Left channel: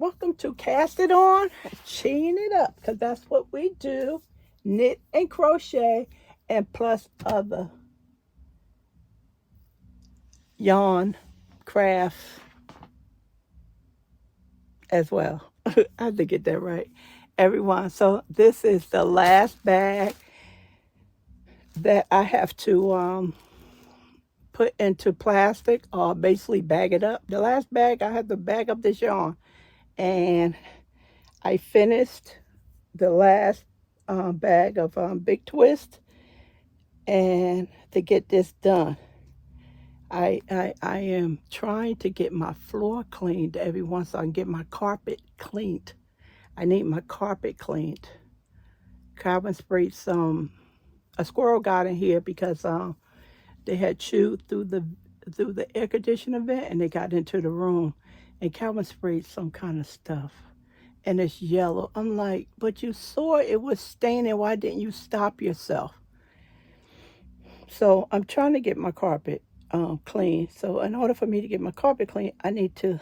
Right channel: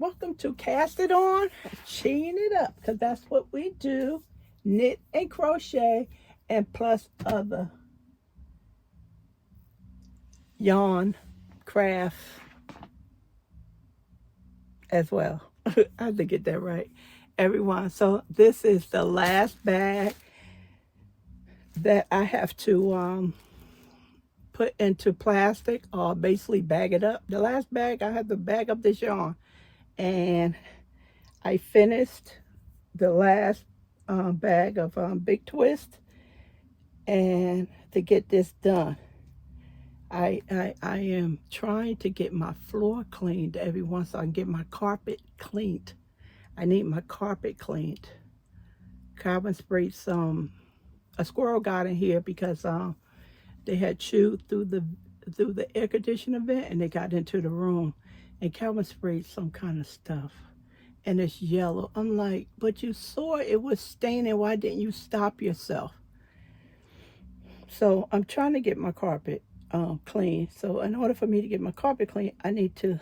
welcome to Cast It On, Chain It Up, because that's what we do. Knit and crochet, and plus other yarn, craft as well. I had to get that right, everyone. So this is the last bag that I have to put into plastic or basically bag it up. The last bag, I had to bag up this yarn, and I finished the last bag of Big Twist, and to get this done, I am trying to get my floor cleaned every once, so I can get my carpet cleaned. I need my carpet cleaned. Calvin sprayed a squirrel got in here because they had chewed through the air conditioning vent, and they got into the room, and Calvin sprayed some kind of stuff, and it's yellow. I'm like, but you saw it was staining. Why didn't you stop yourself? So I'm trying to get my carpet clean. So in order for me to get my carpet clean, I need to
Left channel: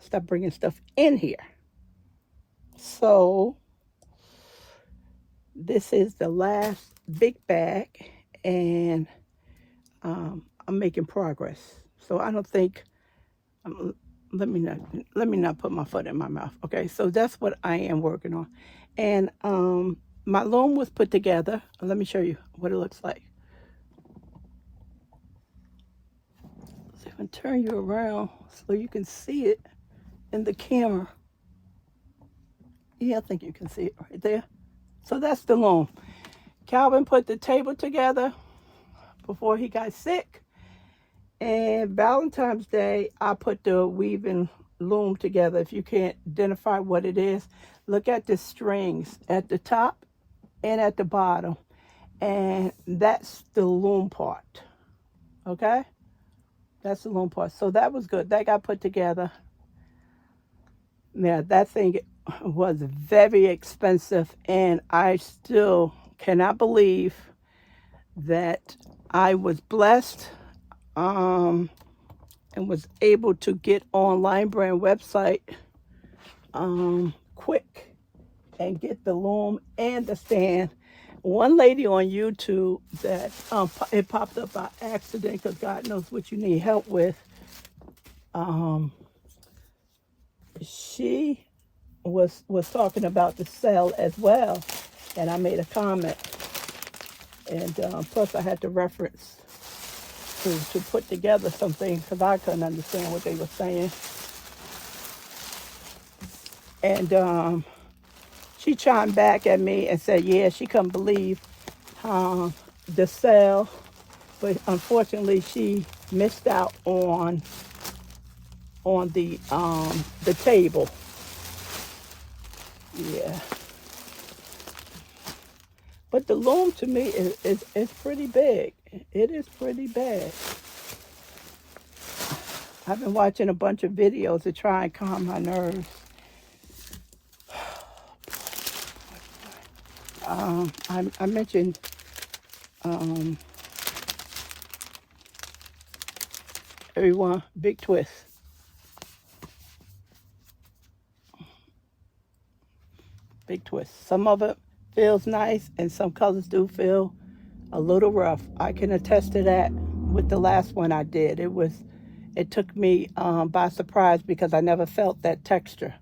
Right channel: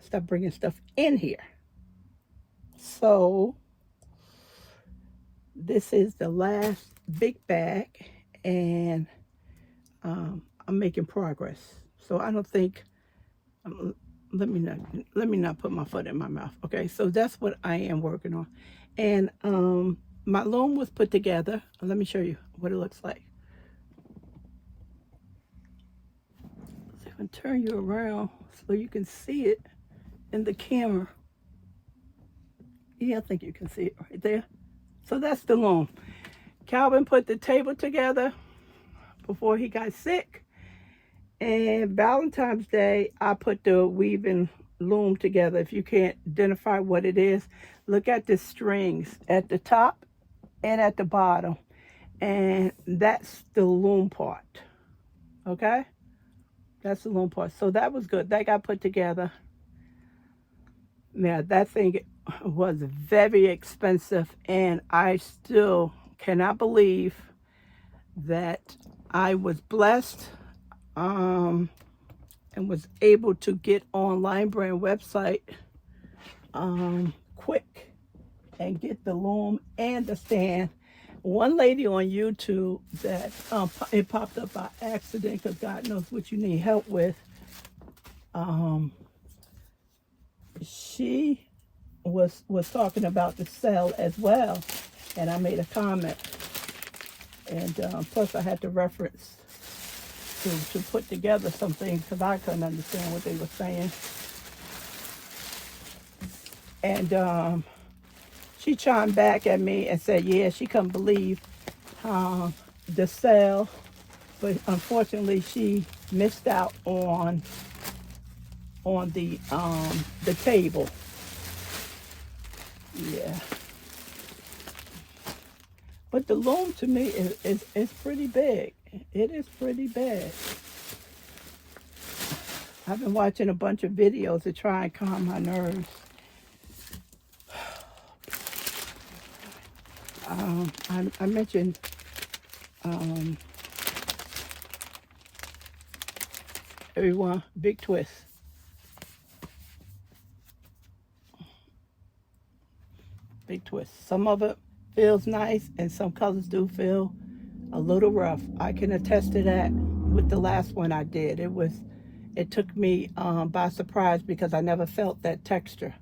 stop bringing stuff in here. So this is the last big bag, and I'm making progress. So I don't think, let me not put my foot in my mouth. Okay, so that's what I am working on. And my loom was put together. Let me show you what it looks like. So if I turn you around so you can see it in the camera. Yeah, I think you can see it right there. So that's the loom. Calvin put the table together before he got sick. And Valentine's Day, I put the weaving loom together. If you can't identify what it is, look at the strings at the top and at the bottom. And that's the loom part. Okay? That's the loom part. So that was good. That got put together. Now, that thing was very expensive, and I still cannot believe that I was blessed and was able to get on Line Brand website quick and get the loom and the stand. One lady on YouTube that it popped up by accident, because God knows what you need help with. She was talking about the sale as well, and I made a comment, and plus I had to reference to put together something because I couldn't understand what they were saying. And she chimed back at me and said, yeah, she couldn't believe the sale, but unfortunately she missed out on the table. Yeah. But the loom to me is pretty big. It is pretty big. I've been watching a bunch of videos to try and calm my nerves. I mentioned everyone, Big Twist. Big Twist. Some of it feels nice, and some colors do feel a little rough. I can attest to that with the last one I did. It took me by surprise because I never felt that texture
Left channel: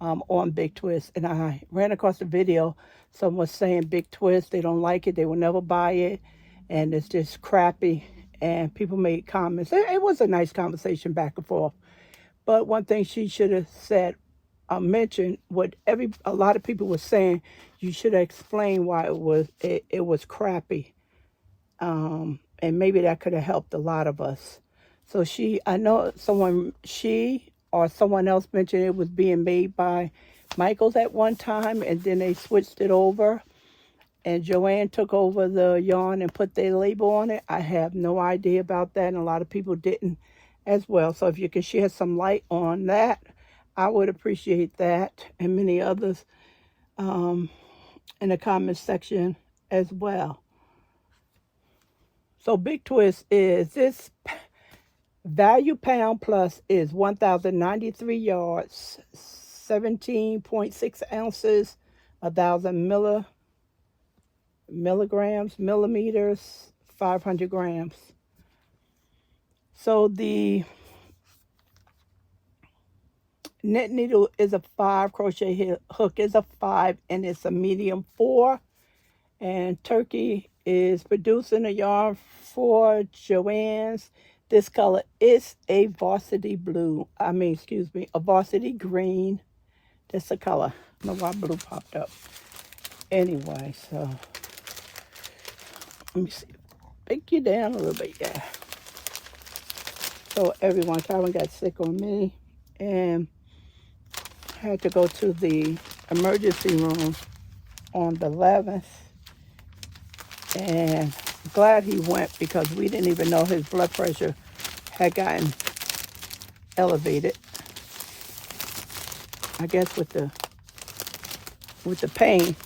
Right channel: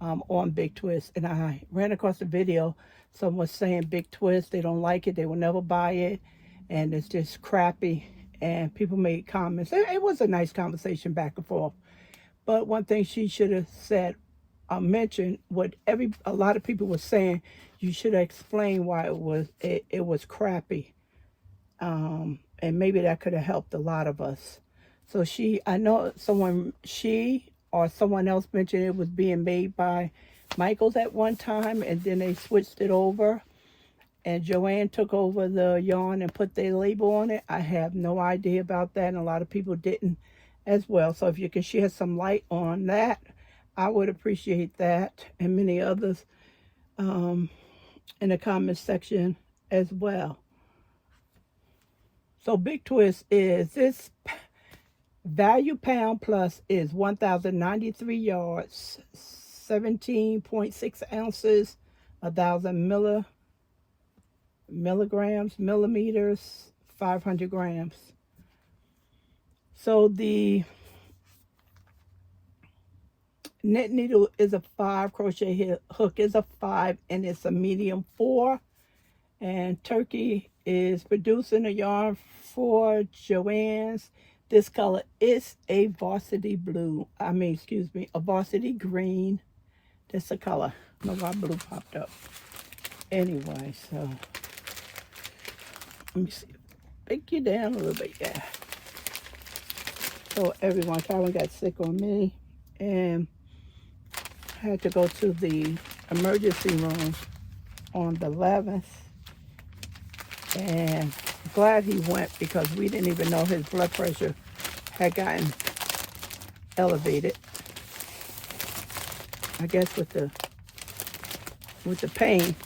on Big Twist. And I ran across a video. Someone was saying Big Twist, they don't like it, they will never buy it, and it's just crappy. And people made comments. It was a nice conversation back and forth. But one thing she should have said, mentioned what a lot of people were saying. You should have explained why it was crappy, and maybe that could have helped a lot of us. So I know she or someone else mentioned it was being made by Michaels at one time, and then they switched it over, and Joann took over the yarn and put their label on it. I have no idea about that, and a lot of people didn't as well. So if you can share some light on that, I would appreciate that, and many others in the comment section as well. So Big Twist is this value pound plus is 1,093 yards, 17.6 ounces, 1,000 millimeters, 500 grams. So the knit needle is a 5, crochet hook is a 5, and it's a medium 4. And Turkey is producing a yarn for Joann's. This color is a varsity blue. A varsity green. That's the color. My blue popped up. Anyway, so let me see. Pick you down a little bit, yeah. So everyone, Calvin got sick on me and had to go to the emergency room on the 11th. And glad he went because we didn't even know his blood pressure had gotten elevated. I guess with the pain.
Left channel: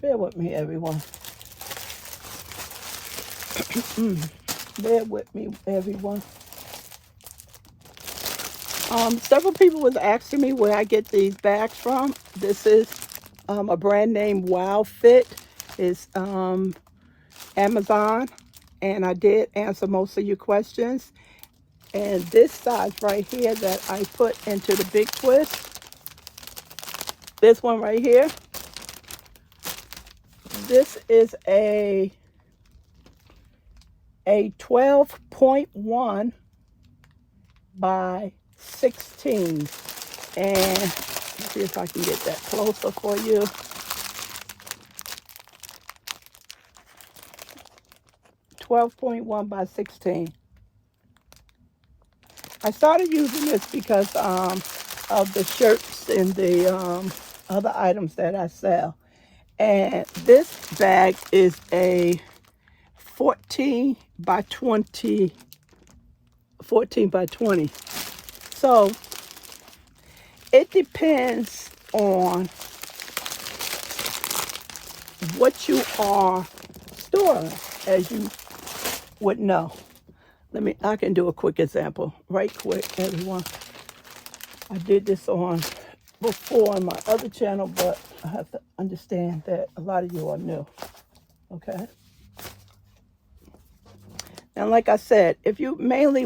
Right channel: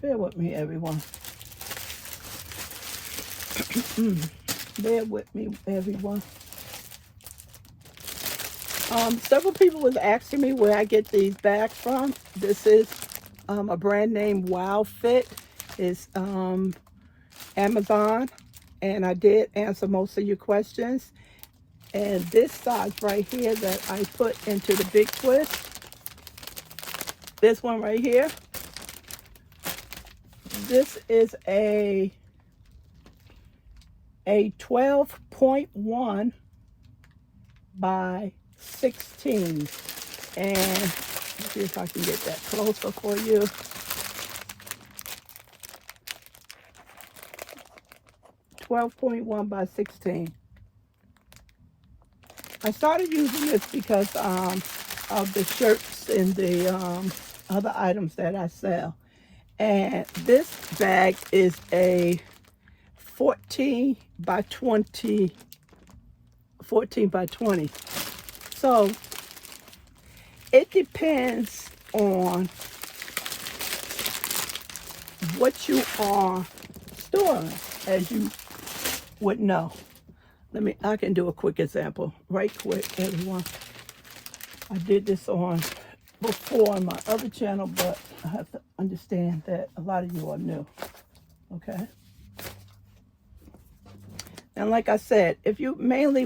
Bear with me, everyone. Bear with me, everyone. Several people was asking me where I get these bags from. This is a brand name Wow Fit. It's Amazon, and I did answer most of your questions. And this size right here that I put into the big twist, this one right here, this is a 12.1 by 16, and let's see if I can get that closer for you. $12.1 by 16. I started using this because of the shirts and the other items that I sell. And this bag is a 14 by 20. So it depends on what you are storing, as you would know. I can do a quick example, right quick, everyone. I did this on before on my other channel, but I have to understand that a lot of you are new, okay? And like I said, if you mainly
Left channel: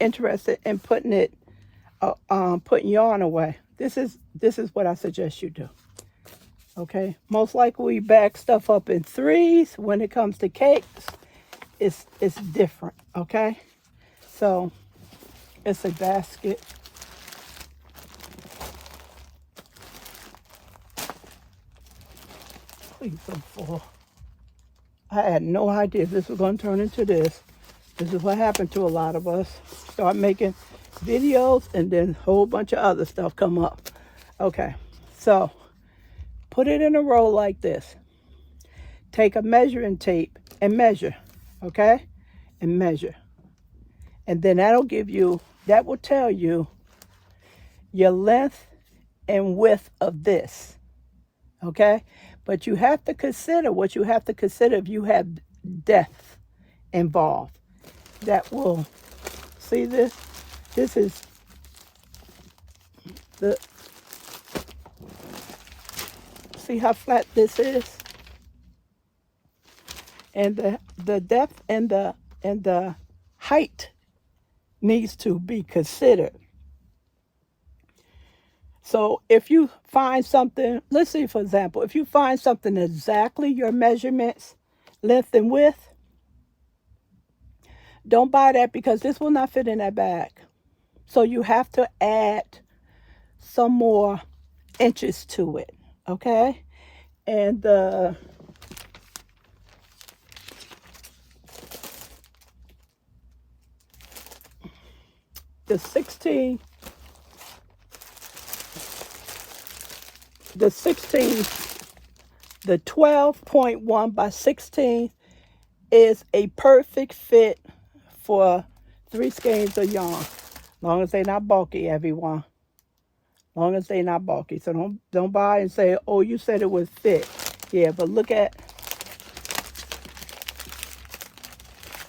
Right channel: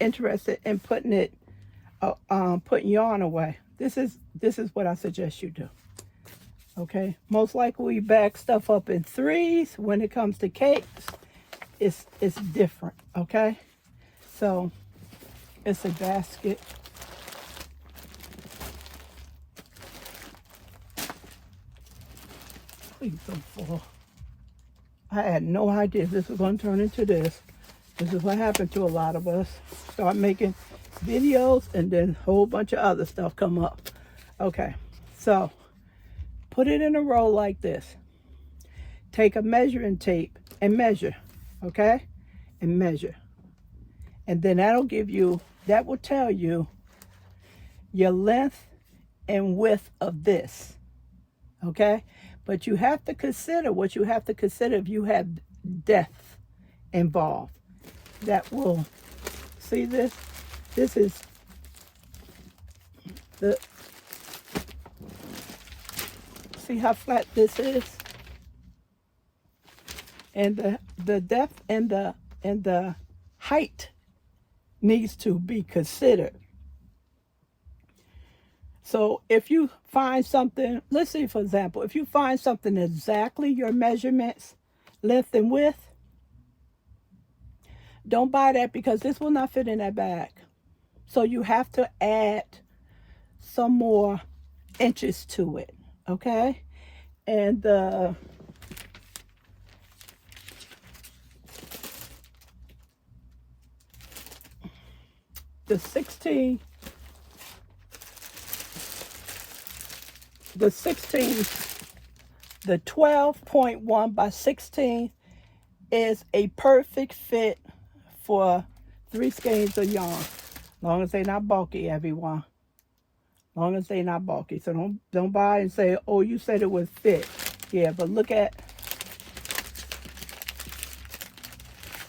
interested in putting yarn away, this is what I suggest you do. Okay, most likely we bag stuff up in 3s. When it comes to cakes, it's different. Okay, so it's a basket. Please don't fall. I had no idea this was going to turn into this. This is what happened to a lot of us. Start making videos and then a whole bunch of other stuff come up. Okay, so put it in a row like this. Take a measuring tape and measure, okay? And measure. And then that will tell you your length and width of this, okay? But you have to consider what you have to consider if you have depth involved. That will, see this? This is see how flat this is? And the depth and the height needs to be considered. So if you find something, let's say for example, if you find something exactly your measurements, length and width, don't buy that because this will not fit in that bag. So you have to add some more inches to it, okay? And the 16, the 12.1 by 16 is a perfect fit for 3 skeins of yarn. Long as they're not bulky, everyone. Long as they're not bulky. So don't buy and say, oh, you said it was fit. Yeah, but look at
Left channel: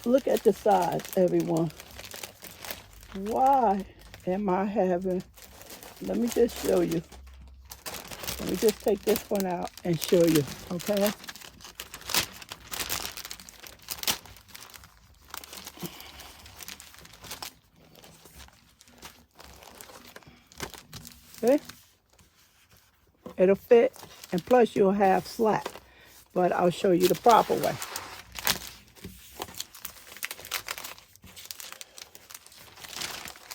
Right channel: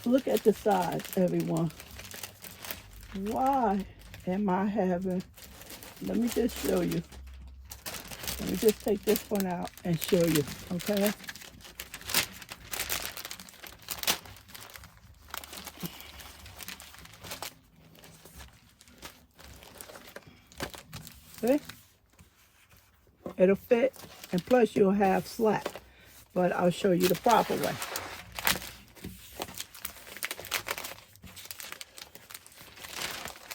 the size, everyone. Why am I having, let me just show you. Let me just take this one out and show you, okay? Okay? It'll fit, and plus you'll have slack, but I'll show you the proper way.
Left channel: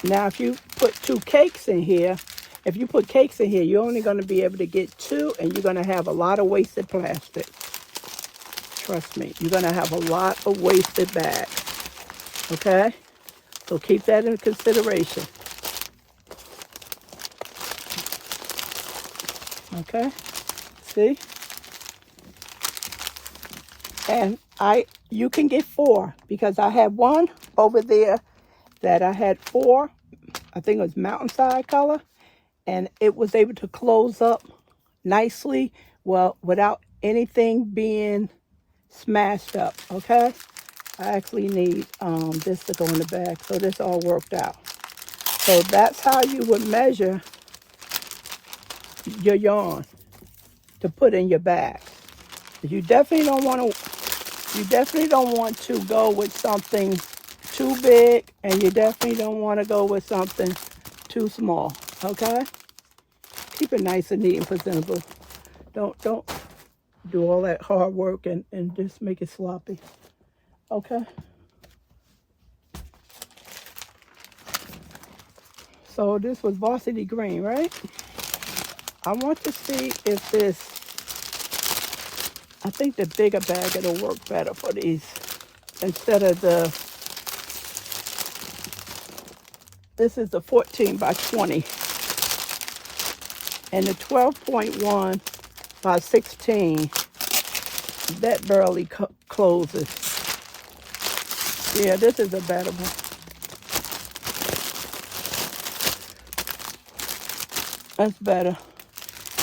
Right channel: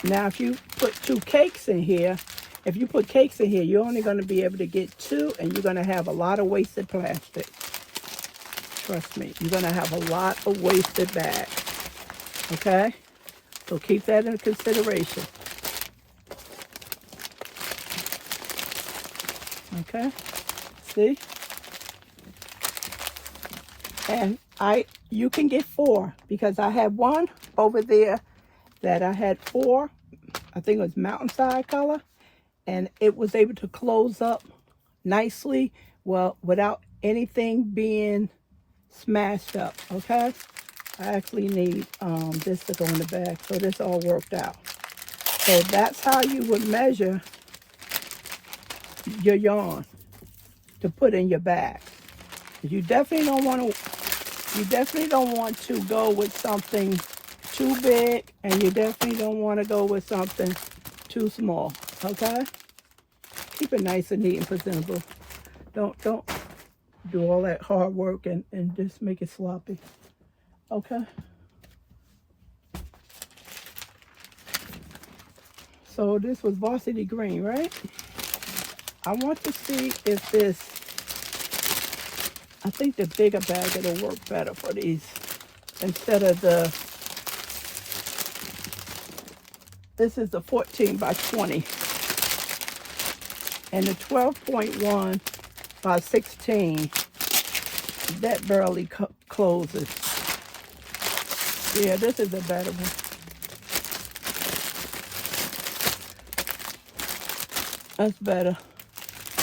Now, if you put 2 cakes in here, if you put cakes in here, you're only going to be able to get 2, and you're going to have a lot of wasted plastic. Trust me, you're going to have a lot of wasted bags. Okay? So keep that in consideration. Okay? See? And you can get 4, because I had one over there that I had 4. I think it was mountainside color, and it was able to close up nicely, well, without anything being smashed up. Okay, I actually need this to go in the bag, so this all worked out. So that's how you would measure your yarn to put in your bag. You definitely don't want to. You definitely don't want to go with something too big, and you definitely don't want to go with something too small. Okay, keep it nice and neat and presentable. Don't do all that hard work and just make it sloppy. Okay. So this was varsity green, right? I want to see if this, I think the bigger bag will work better for these. Instead of this is the 14 by 20. And the 12.1 by 16, that barely closes. Yeah, this is a better one. That's better.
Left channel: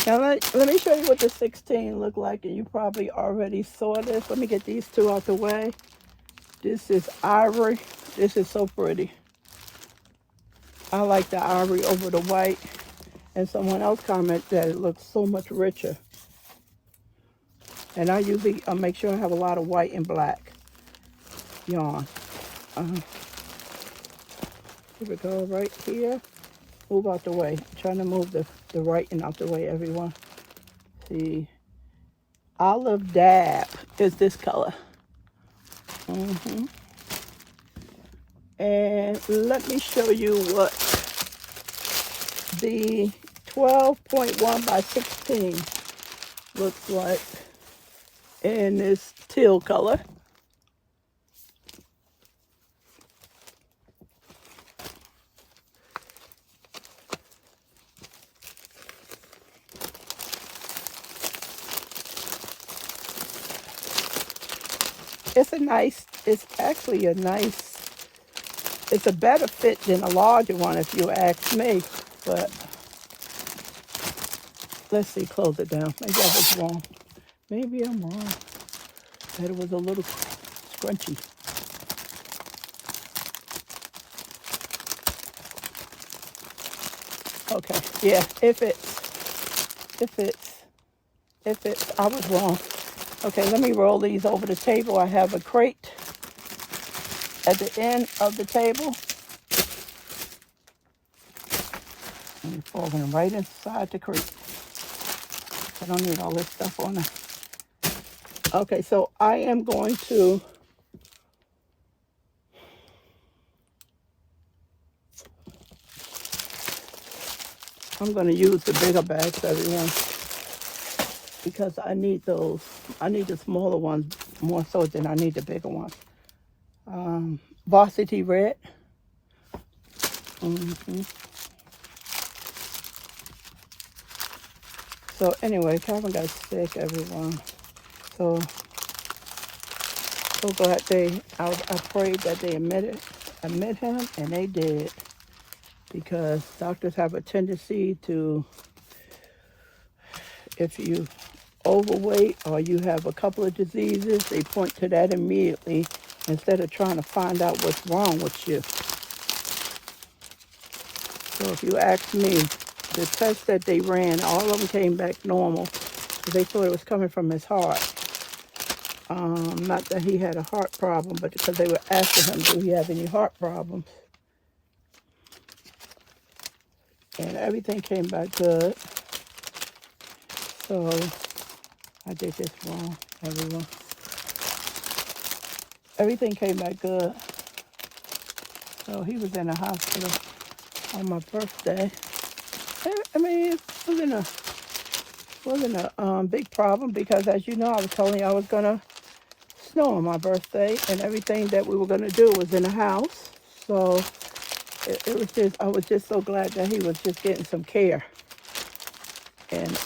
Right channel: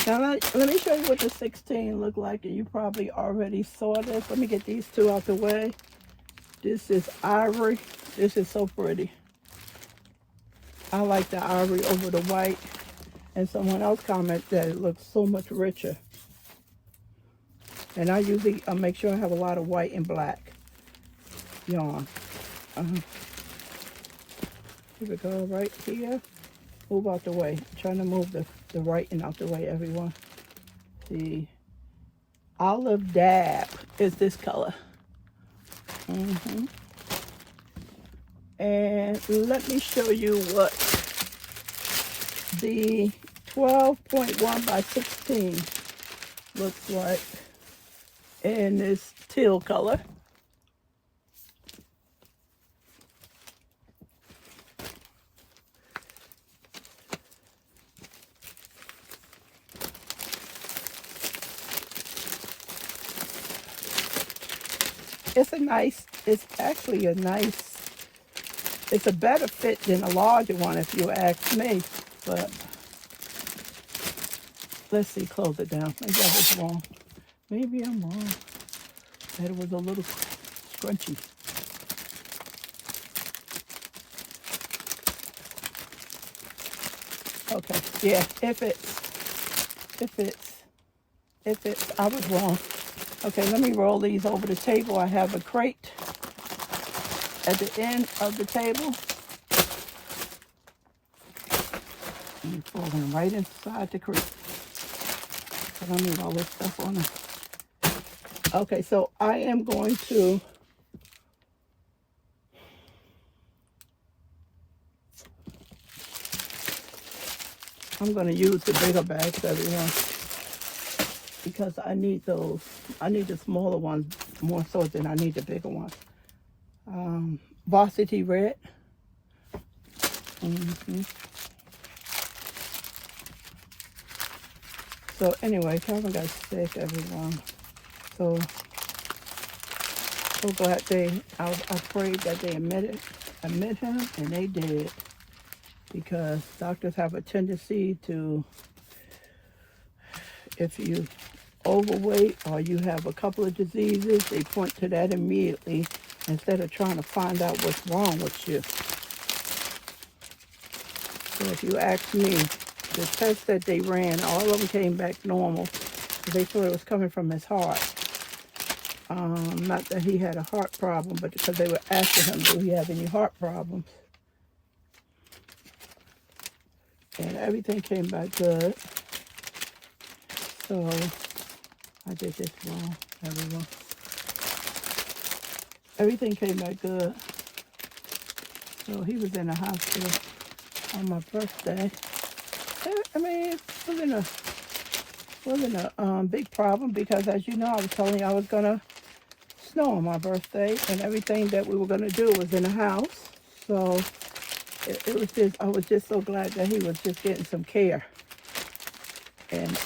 Now let me show you what the 16 look like, and you probably already saw this. Let me get these 2 out the way. This is ivory. This is so pretty. I like the ivory over the white. And someone else commented that it looks so much richer. And I usually make sure I have a lot of white and black yarn. Here we go, right here. Move out the way. I'm trying to move the writing out the way, everyone. See, olive dab is this color. And let me show you what the 12.1 by 16 looks like in this teal color. It's actually a nice, it's a better fit than a larger one if you ask me, but let's see, close it down. Maybe I was wrong. Maybe I'm wrong. That it was a little scrunchy. Okay, yeah, if it's, I was wrong. Okay, let me roll these over the table. I have a crate at the end of the table. And pull them right inside the crate. I don't need all this stuff on them. Okay, so I am going to use the bigger bags, everyone, because I need those. I need the smaller ones more so than I need the bigger ones. Varsity red. So anyway, Calvin got sick, everyone. So glad I prayed that they admit him, and they did. Because doctors have a tendency to, if you overweight or you have a couple of diseases, they point to that immediately instead of trying to find out what's wrong with you. So if you ask me, the tests that they ran, all of them came back normal. They thought it was coming from his heart. Not that he had a heart problem, but because they were asking him, do he have any heart problems? And everything came back good. So I did this wrong, everyone. Everything came back good. So he was in the hospital on my birthday. I mean, it wasn't a big problem because, as you know, I was telling you I was going to snow on my birthday, and everything that we were going to do was in the house. So it was just, I was just so glad that he was just getting some care. And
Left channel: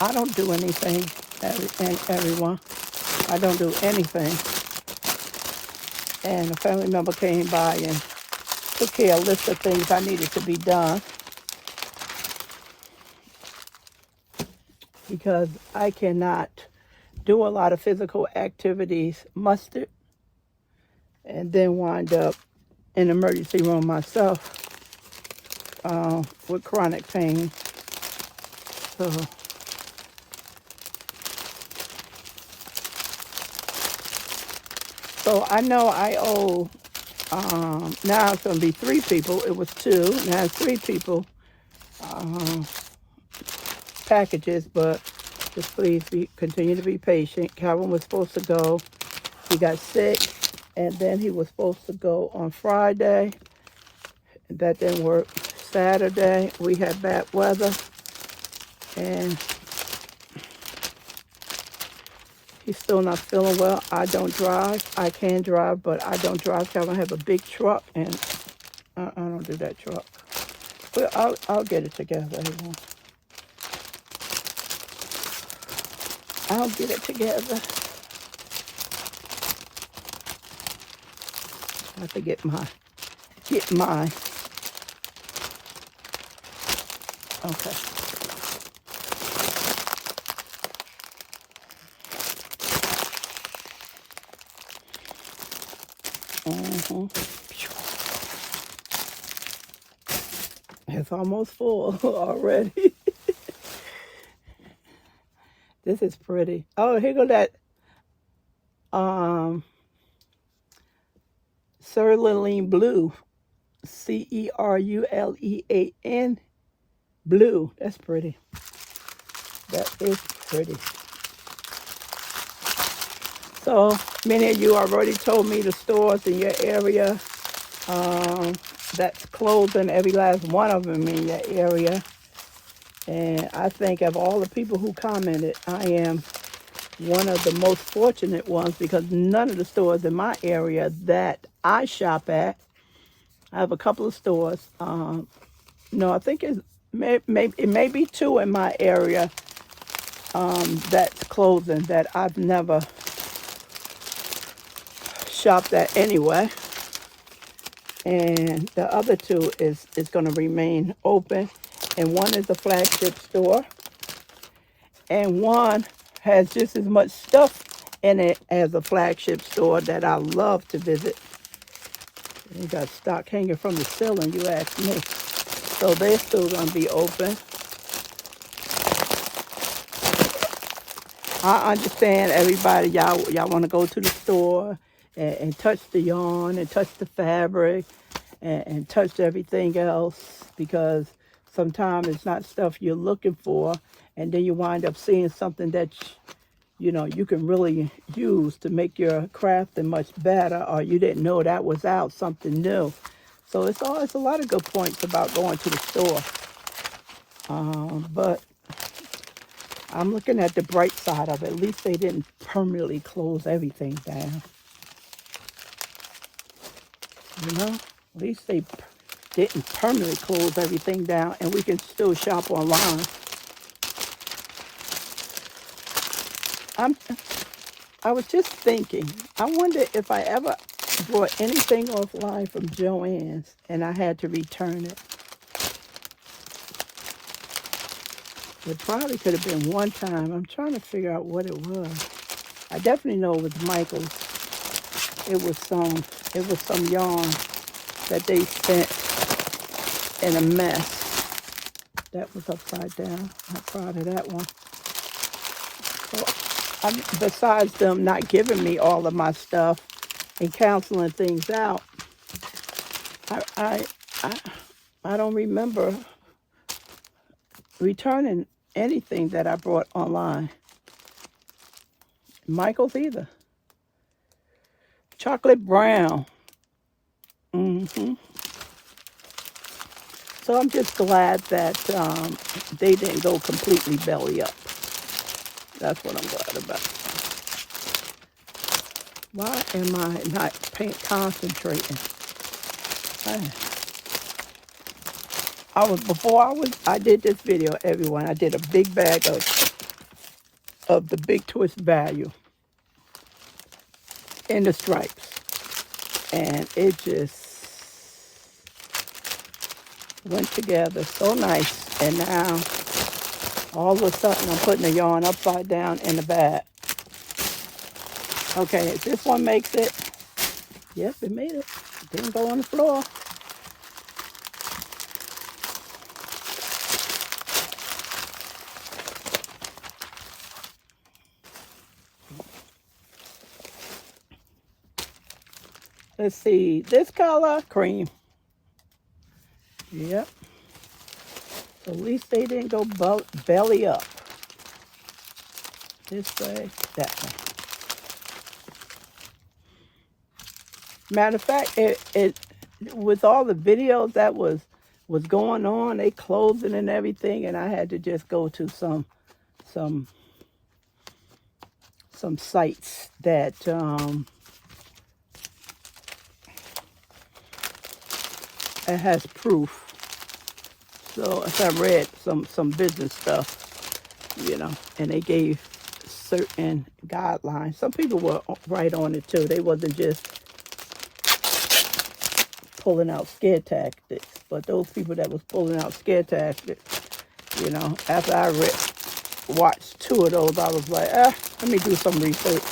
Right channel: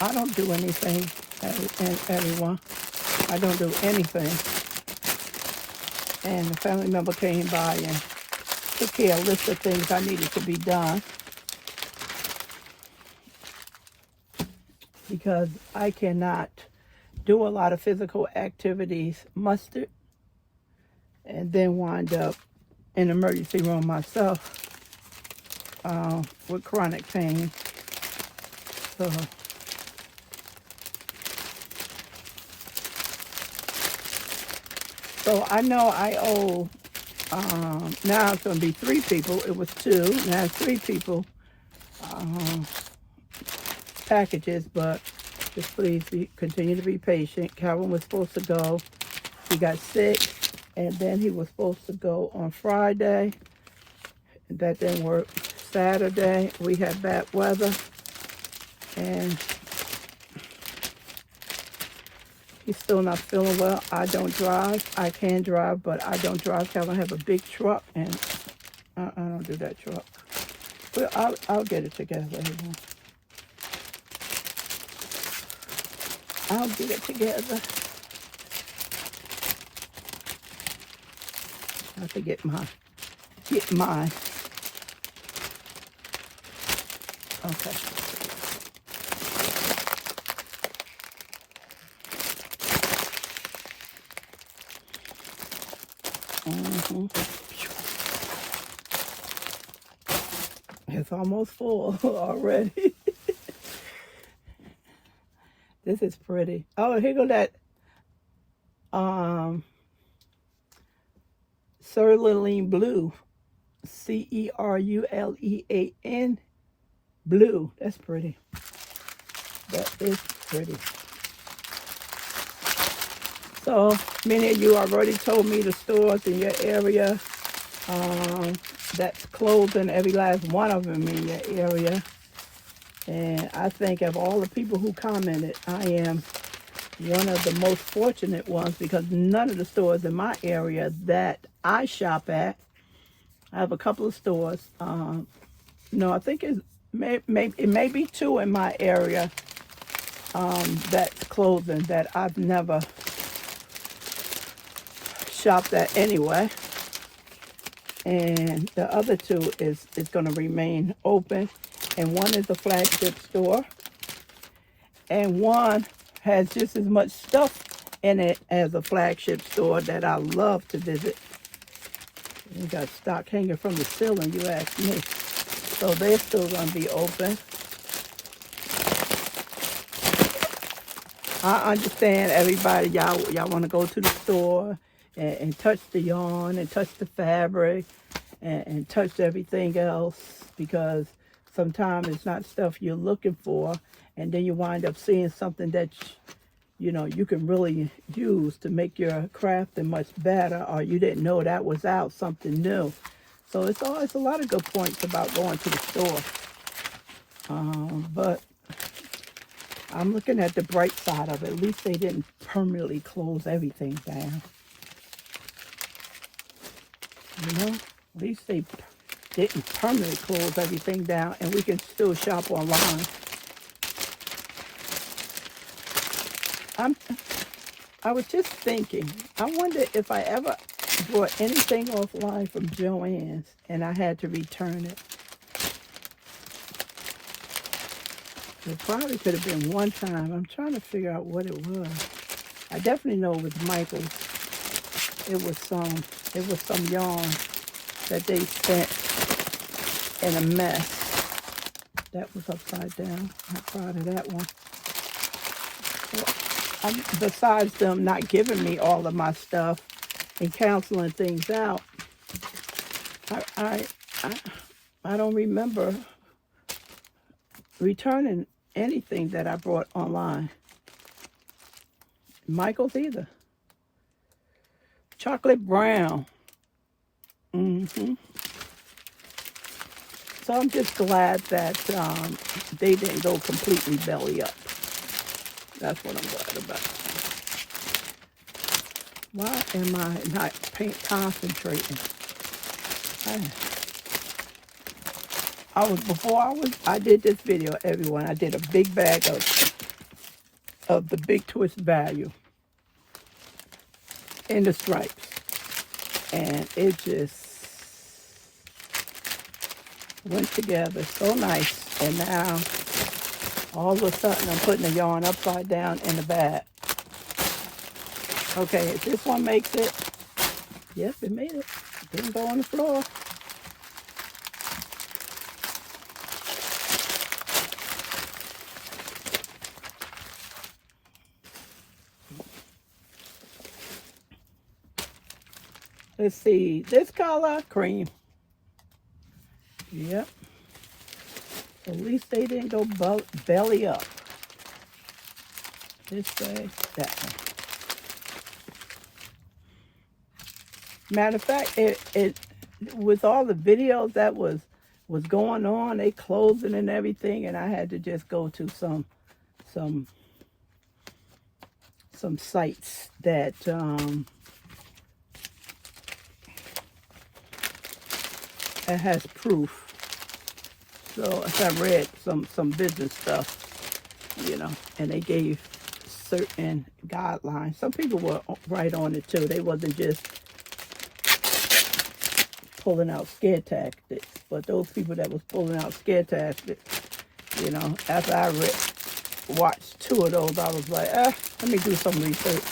I don't do anything, everyone. I don't do anything. And a family member came by and took care of a list of things I needed to be done. Because I cannot do a lot of physical activities mustered and then wind up in emergency room myself with chronic pain. So I know I owe, now it's going to be 3 people. It was 2, now it's 3 people packages, but just please continue to be patient. Calvin was supposed to go. He got sick, and then he was supposed to go on Friday. That didn't work. Saturday, we had bad weather, and he's still not feeling well. I don't drive. I can drive, but I don't drive. Calvin have a big truck, and I don't do that truck. But I'll get it together. I'll get it together. I have to get mine. Okay. It's almost full already. This is pretty. Oh, here go that cerulean blue. Cerulean blue. That's pretty. That is pretty. So many of you already told me the stores in your area that's closing, every last one of them in your area. And I think of all the people who commented, I am one of the most fortunate ones because none of the stores in my area that I shop at, I have a couple of stores. No, I think it may be 2 in my area that's closing that I've never shopped at anyway. And the other 2 is going to remain open. And one is a flagship store. And one has just as much stuff in it as a flagship store that I love to visit. You got stock hanging from the ceiling, you ask me. So they're still going to be open. I understand everybody, y'all want to go to the store and touch the yarn and touch the fabric and touch everything else because sometimes it's not stuff you're looking for, and then you wind up seeing something that you can really use to make your crafting much better, or you didn't know that was out, something new. So it's a lot of good points about going to the store. But I'm looking at the bright side of it. At least they didn't permanently close everything down. At least they didn't permanently close everything down, and we can still shop online. I was just thinking, I wonder if I ever bought anything offline from Joann's and I had to return it. It probably could have been one time. I'm trying to figure out what it was. I definitely know it was Michael's. It was some yarn that they sent in a mess. That was upside down. Not proud of that one. So besides them not giving me all of my stuff and canceling things out, I don't remember returning anything that I brought online. Michael's either. Chocolate brown. So I'm just glad that they didn't go completely belly up. That's what I'm glad about. Why am I not concentrating? I did this video, everyone. I did a big bag of the Big Twist value in the stripes. And it just went together so nice. And now, all of a sudden, I'm putting the yarn upside down in the bag. Okay, if this one makes it, yes, it made it. It didn't go on the floor. Let's see, this color, cream. Yep. So at least they didn't go belly up. This way, that way. Matter of fact, it with all the videos that was going on, they closing and everything, and I had to just go to some sites that it has proof. So if I read some business stuff, you know, and they gave certain guidelines. Some people were right on it too. They wasn't just pulling out scare tactics. But those people that was pulling out scare tactics, you know, after I watched 2 of those, I was like, let me do some research.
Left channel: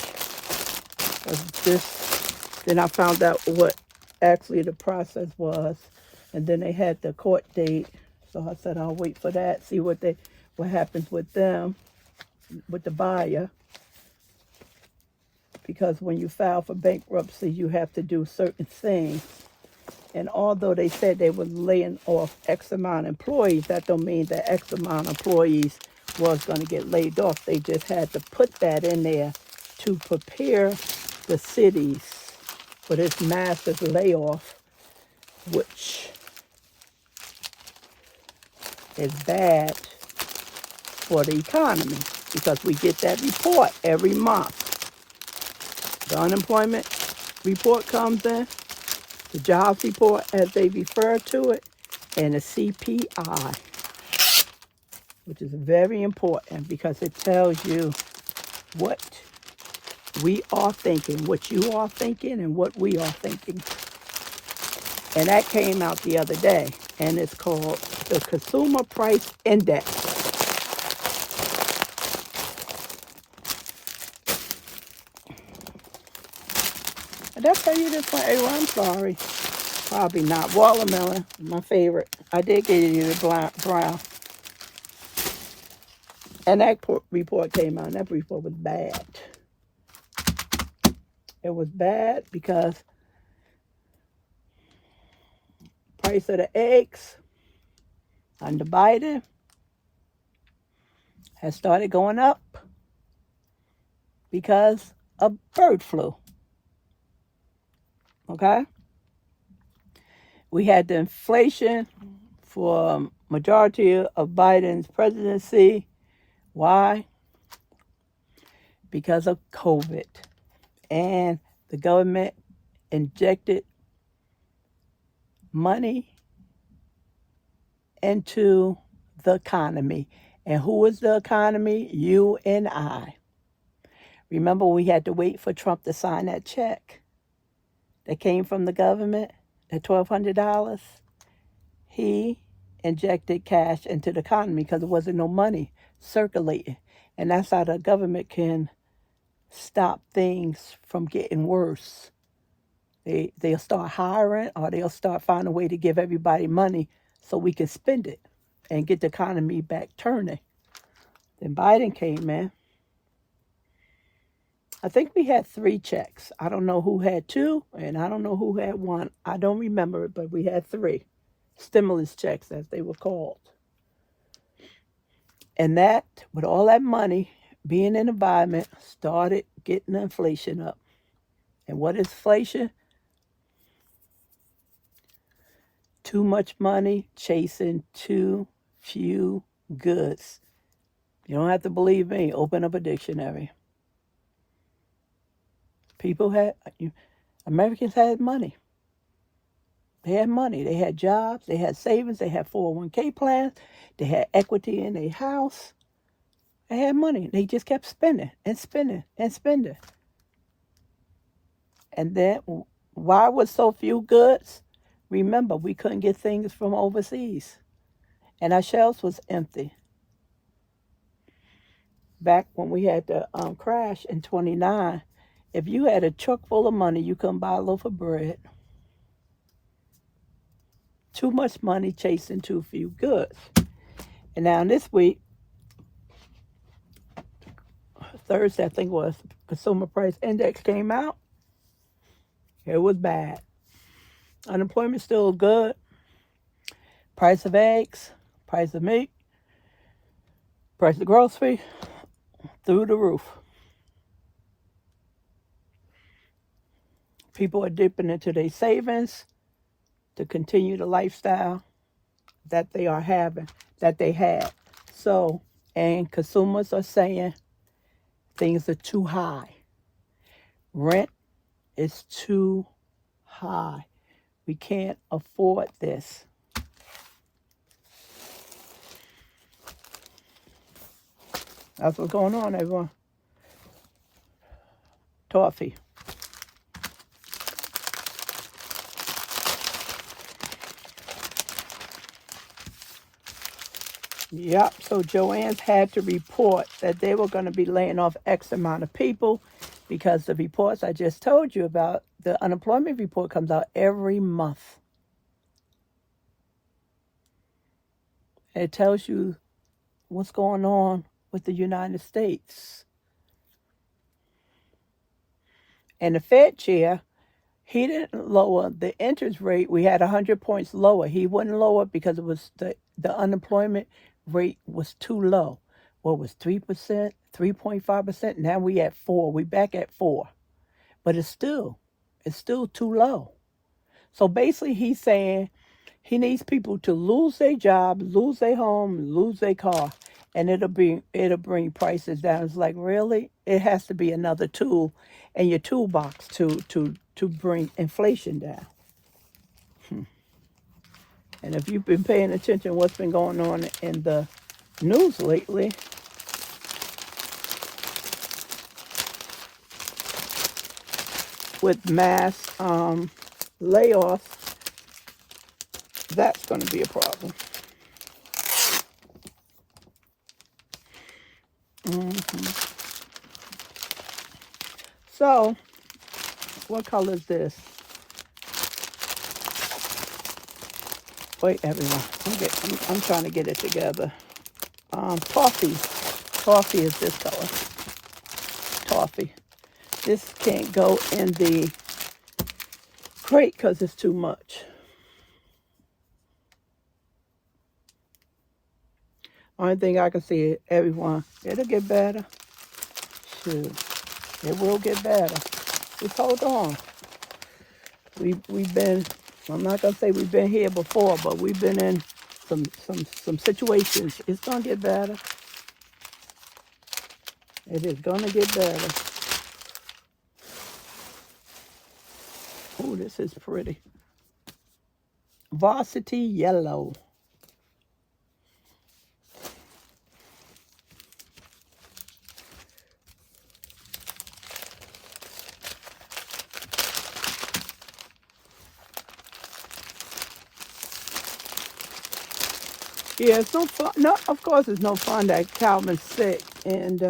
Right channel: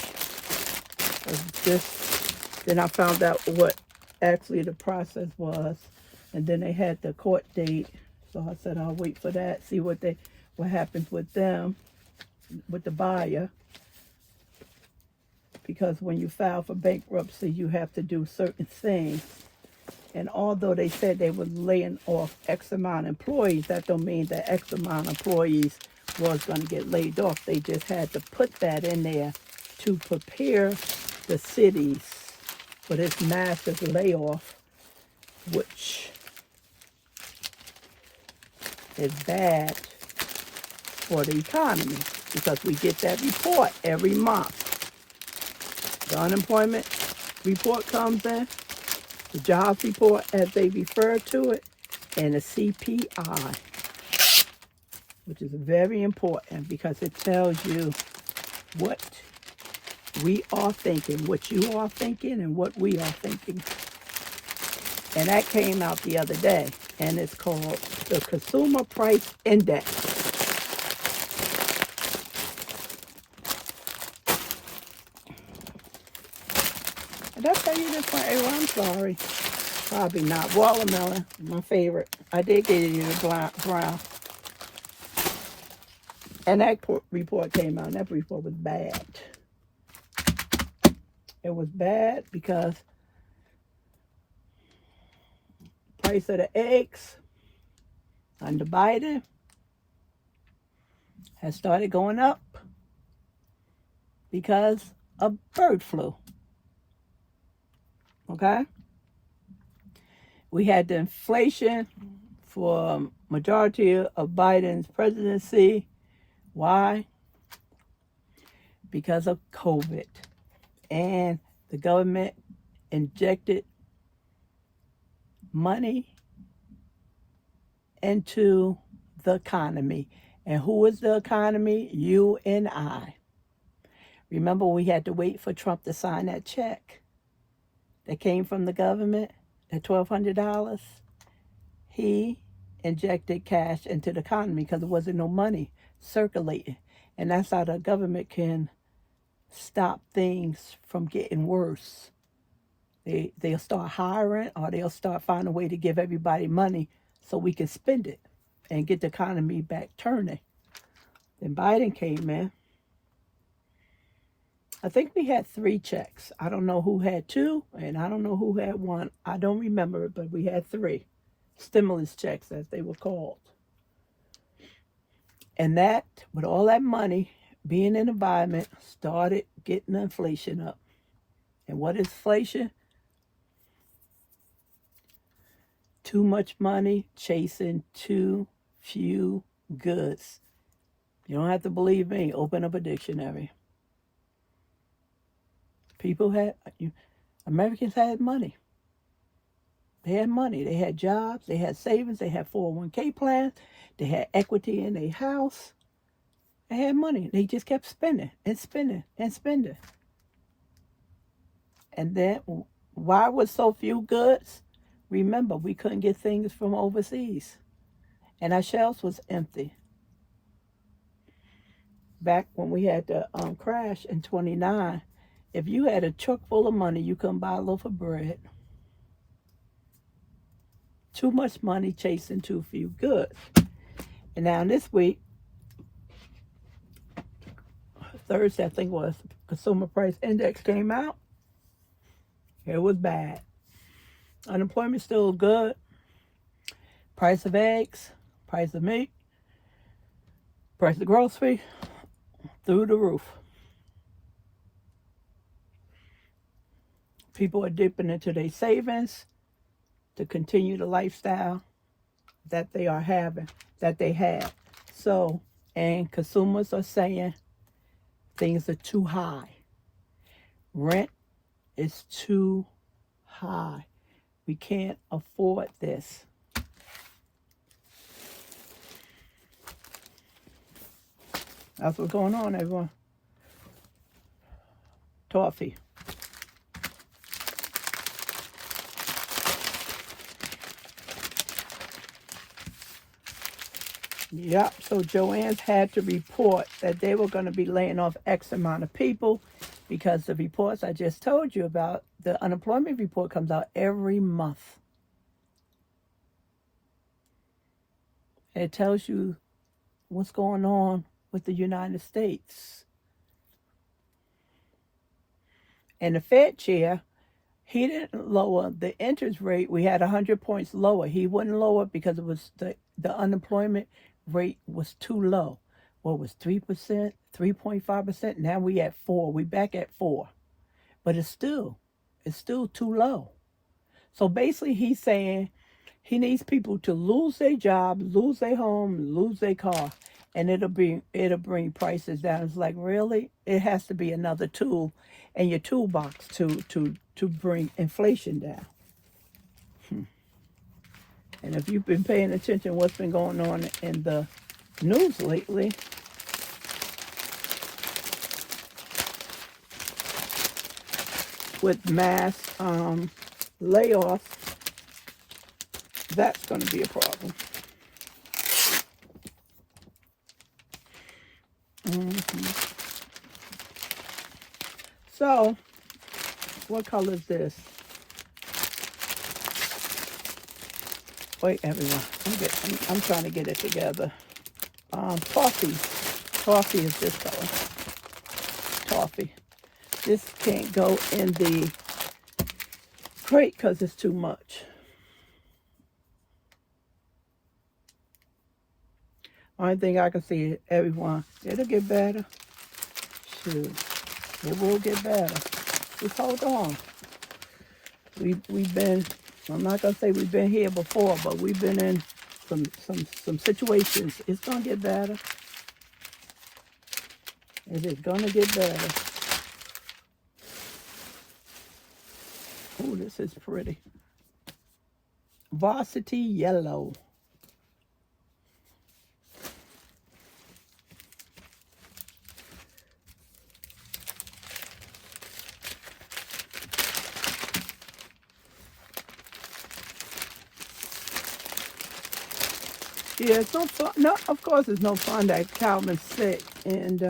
Then I found out what actually the process was. And then they had the court date. So I said, I'll wait for that, see what happens with them, with the buyer. Because when you file for bankruptcy, you have to do certain things. And although they said they were laying off X amount of employees, that don't mean that X amount of employees was going to get laid off. They just had to put that in there to prepare the cities for this massive layoff, which is bad for the economy because we get that report every month. The unemployment report comes in, the jobs report as they refer to it, and the CPI, which is very important because it tells you what we are thinking, what you are thinking, and what we are thinking. And that came out the other day, and it's called the Consumer Price Index. Did I tell you this one? Hey, I'm sorry. Probably not. Watermelon, my favorite. I did get you the brown. And that report came out, and that report was bad. It was bad because price of the eggs under Biden has started going up because of bird flu. Okay? We had the inflation for majority of Biden's presidency. Why? Because of COVID. And the government injected money into the economy. And who is the economy? You and I. Remember, we had to wait for Trump to sign that check that came from the government, at $1,200. He injected cash into the economy because there wasn't no money circulating. And that's how the government can stop things from getting worse. They'll start hiring, or they'll start finding a way to give everybody money so we can spend it and get the economy back turning. Then Biden came in. I think we had 3 checks. I don't know who had 2, and I don't know who had 1. I don't remember it, but we had 3 stimulus checks, as they were called. And that, with all that money being in the environment, started getting the inflation up. And what is inflation? Too much money chasing too few goods. You don't have to believe me. Open up a dictionary. Americans had money. They had money. They had jobs. They had savings. They had 401k plans. They had equity in their house. They had money. They just kept spending and spending and spending. And then, why was so few goods? Remember, we couldn't get things from overseas. And our shelves was empty. Back when we had the crash in 29, if you had a truck full of money, you couldn't buy a loaf of bread. Too much money chasing too few goods. And now this week, Thursday, I think it was, Consumer Price Index came out. It was bad. Unemployment still good. Price of eggs, price of meat, price of grocery, through the roof. People are dipping into their savings to continue the lifestyle that they are having, that they had. So, and consumers are saying things are too high. Rent is too high. We can't afford this. That's what's going on, everyone. Toffee. Yep, so Joann's had to report that they were going to be laying off X amount of people because the reports I just told you about, the unemployment report comes out every month. And it tells you what's going on with the United States. And the Fed chair, he didn't lower the interest rate. We had 100 points lower. He wouldn't lower it because it was the unemployment rate was too low. What was 3%, 3.5%? Now we at 4. We back at 4. But it's still too low. So basically he's saying he needs people to lose their job, lose their home, lose their car, and it'll bring prices down. It's like, really? It has to be another tool in your toolbox to bring inflation down. And if you've been paying attention to what's been going on in the news lately, with mass layoffs, that's going to be a problem. So, what color is this? Wait, everyone. I'm trying to get it together. Coffee. Coffee is this color. Coffee. This can't go in the crate because it's too much. Only thing I can see, everyone, it'll get better. Shoot, it will get better. Just hold on. We've been, I'm not gonna say we've been here before, but we've been in some situations. It's gonna get better. It is gonna get better. Oh, this is pretty. Varsity yellow. Yeah, it's no fun. No, of course, it's no fun that Calvin's sick, and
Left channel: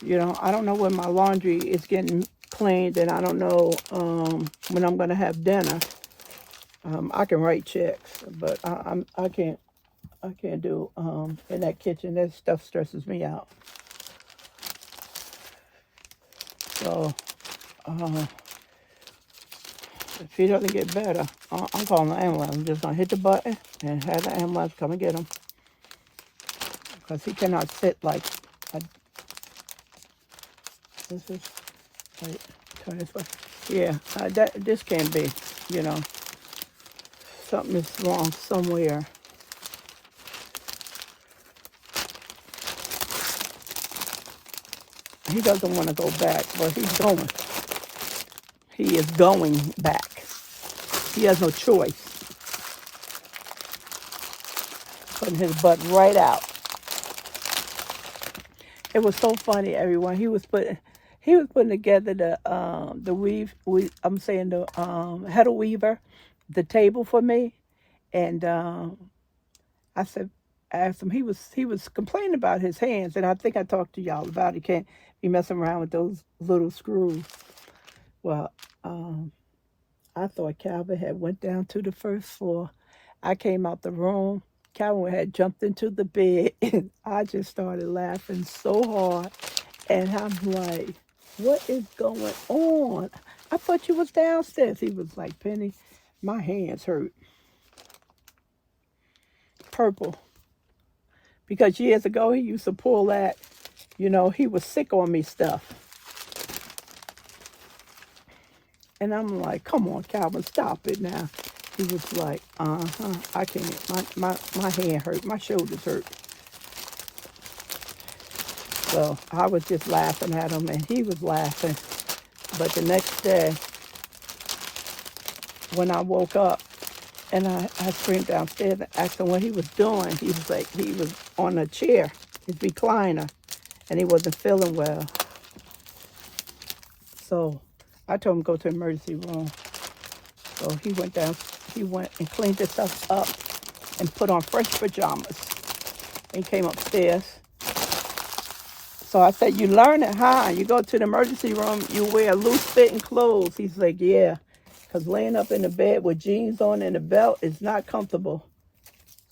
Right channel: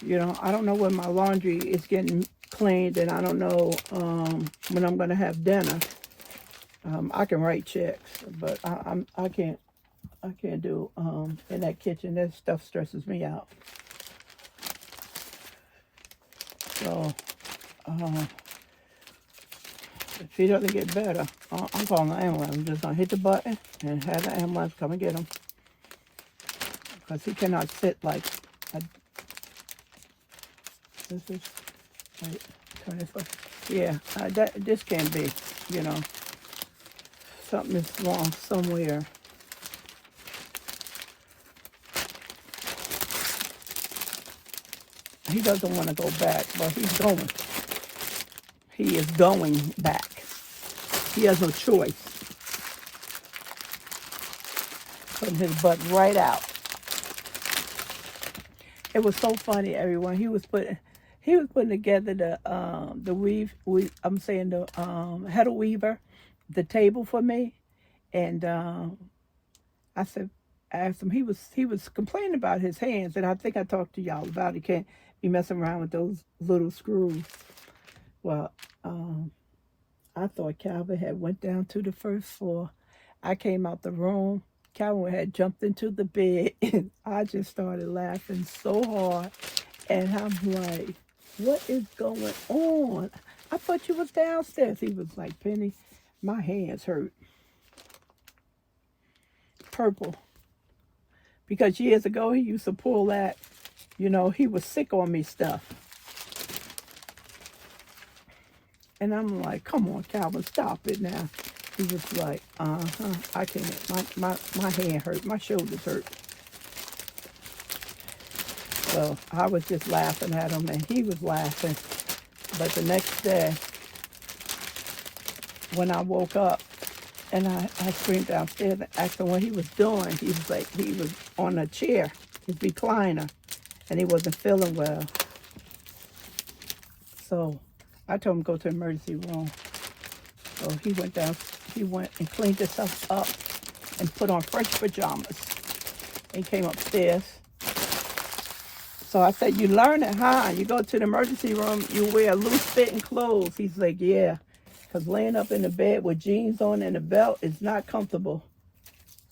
you know, I don't know when my laundry is getting cleaned, and I don't know when I'm gonna have dinner. I can write checks, but I can't do in that kitchen. That stuff stresses me out. So if he doesn't get better, I'm calling the ambulance. I'm just gonna hit the button and have the ambulance come and get him, because he cannot sit like a, this is wait, turn this way. Yeah, this can't be. You know, something is wrong somewhere. He doesn't want to go back, but he's going. He is going back. He has no choice. Putting his butt right out. It was so funny, everyone. He was putting together the weave. I'm saying the header weaver, the table for me, and I asked him. He was complaining about his hands, and I think I talked to y'all about it. Can't be messing around with those little screws. Well, I thought Calvin had went down to the first floor. I came out the room. Calvin had jumped into the bed, and I just started laughing so hard. And I'm like, what is going on? I thought you was downstairs. He was like, Penny, my hands hurt. Purple. Because years ago, he used to pull that, you know, he was sick on me stuff. And I'm like, come on, Calvin, stop it now. He was like, I can't. My hand hurt. My shoulders hurt. So I was just laughing at him, and he was laughing. But the next day, when I woke up, and I screamed downstairs and asked him what he was doing. He was like, he was on a chair, his recliner, and he wasn't feeling well. So I told him to go to the emergency room. So he went and cleaned his stuff up and put on fresh pajamas. He came upstairs. So I said, you learn it, huh? You go to the emergency room, you wear loose-fitting clothes. He's like, yeah, because laying up in the bed with jeans on and a belt is not comfortable.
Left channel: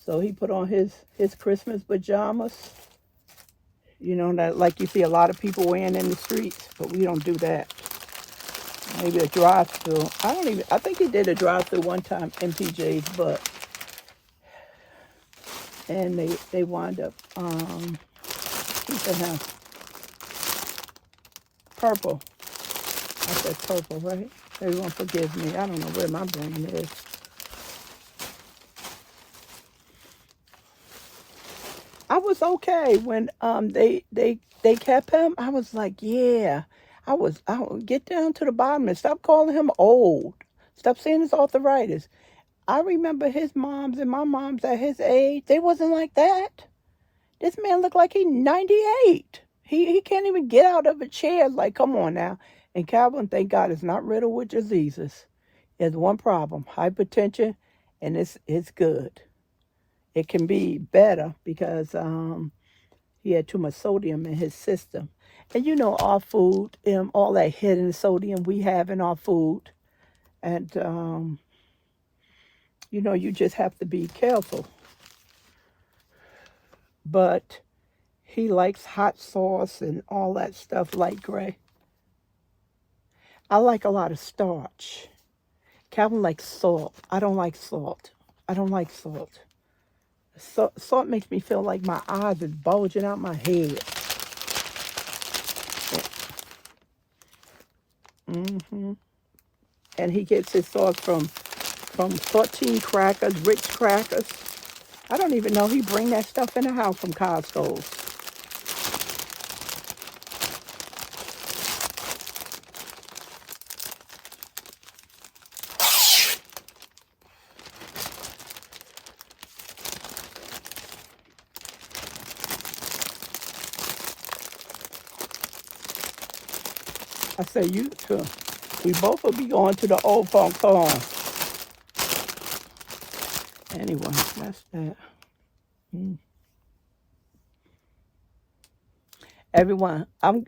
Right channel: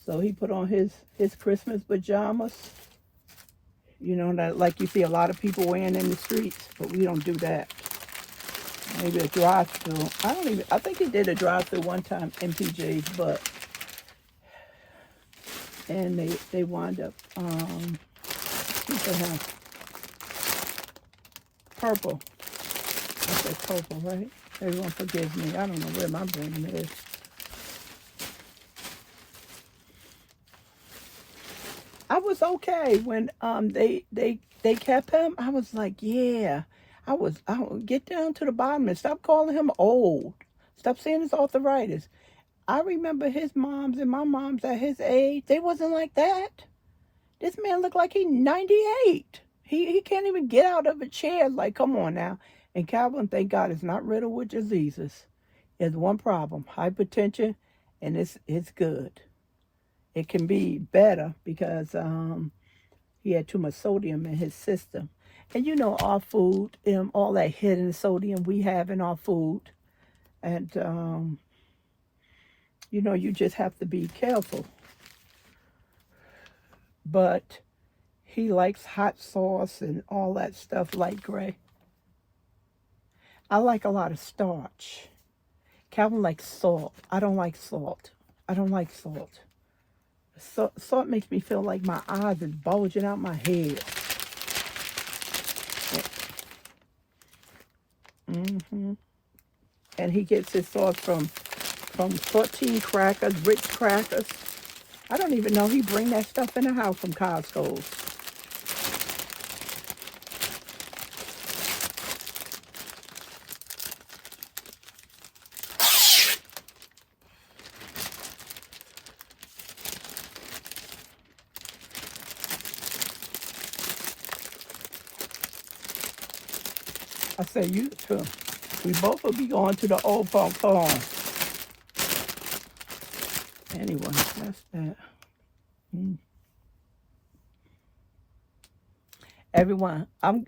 So he put on his Christmas pajamas, you know, that like you see a lot of people wearing in the streets, but we don't do that. Maybe a drive-through. I think he did a drive-through one time, MPJ's, but, and they wind up, purple. I said purple, right? Everyone forgive me. I don't know where my brain is. I was okay when they kept him. I was like, yeah. I would get down to the bottom and stop calling him old. Stop saying his arthritis. I remember his moms and my moms at his age, they wasn't like that. This man looked like he's 98. He can't even get out of a chair. Like, come on now. And Calvin, thank God, is not riddled with diseases. He has one problem, hypertension, and it's good. It can be better because he had too much sodium in his system. And you know, our food, all that hidden sodium we have in our food. And, you know, you just have to be careful. But he likes hot sauce and all that stuff, light gray. I like a lot of starch. Calvin likes salt. I don't like salt. I don't like salt. Salt makes me feel like my eyes is bulging out my head. And he gets his sauce from 14 crackers, Ritz crackers. I don't even know he bring that stuff in the house from Costco. I say, you too. We both will be going to the old folk home. Anyway, that's that. Everyone, I'm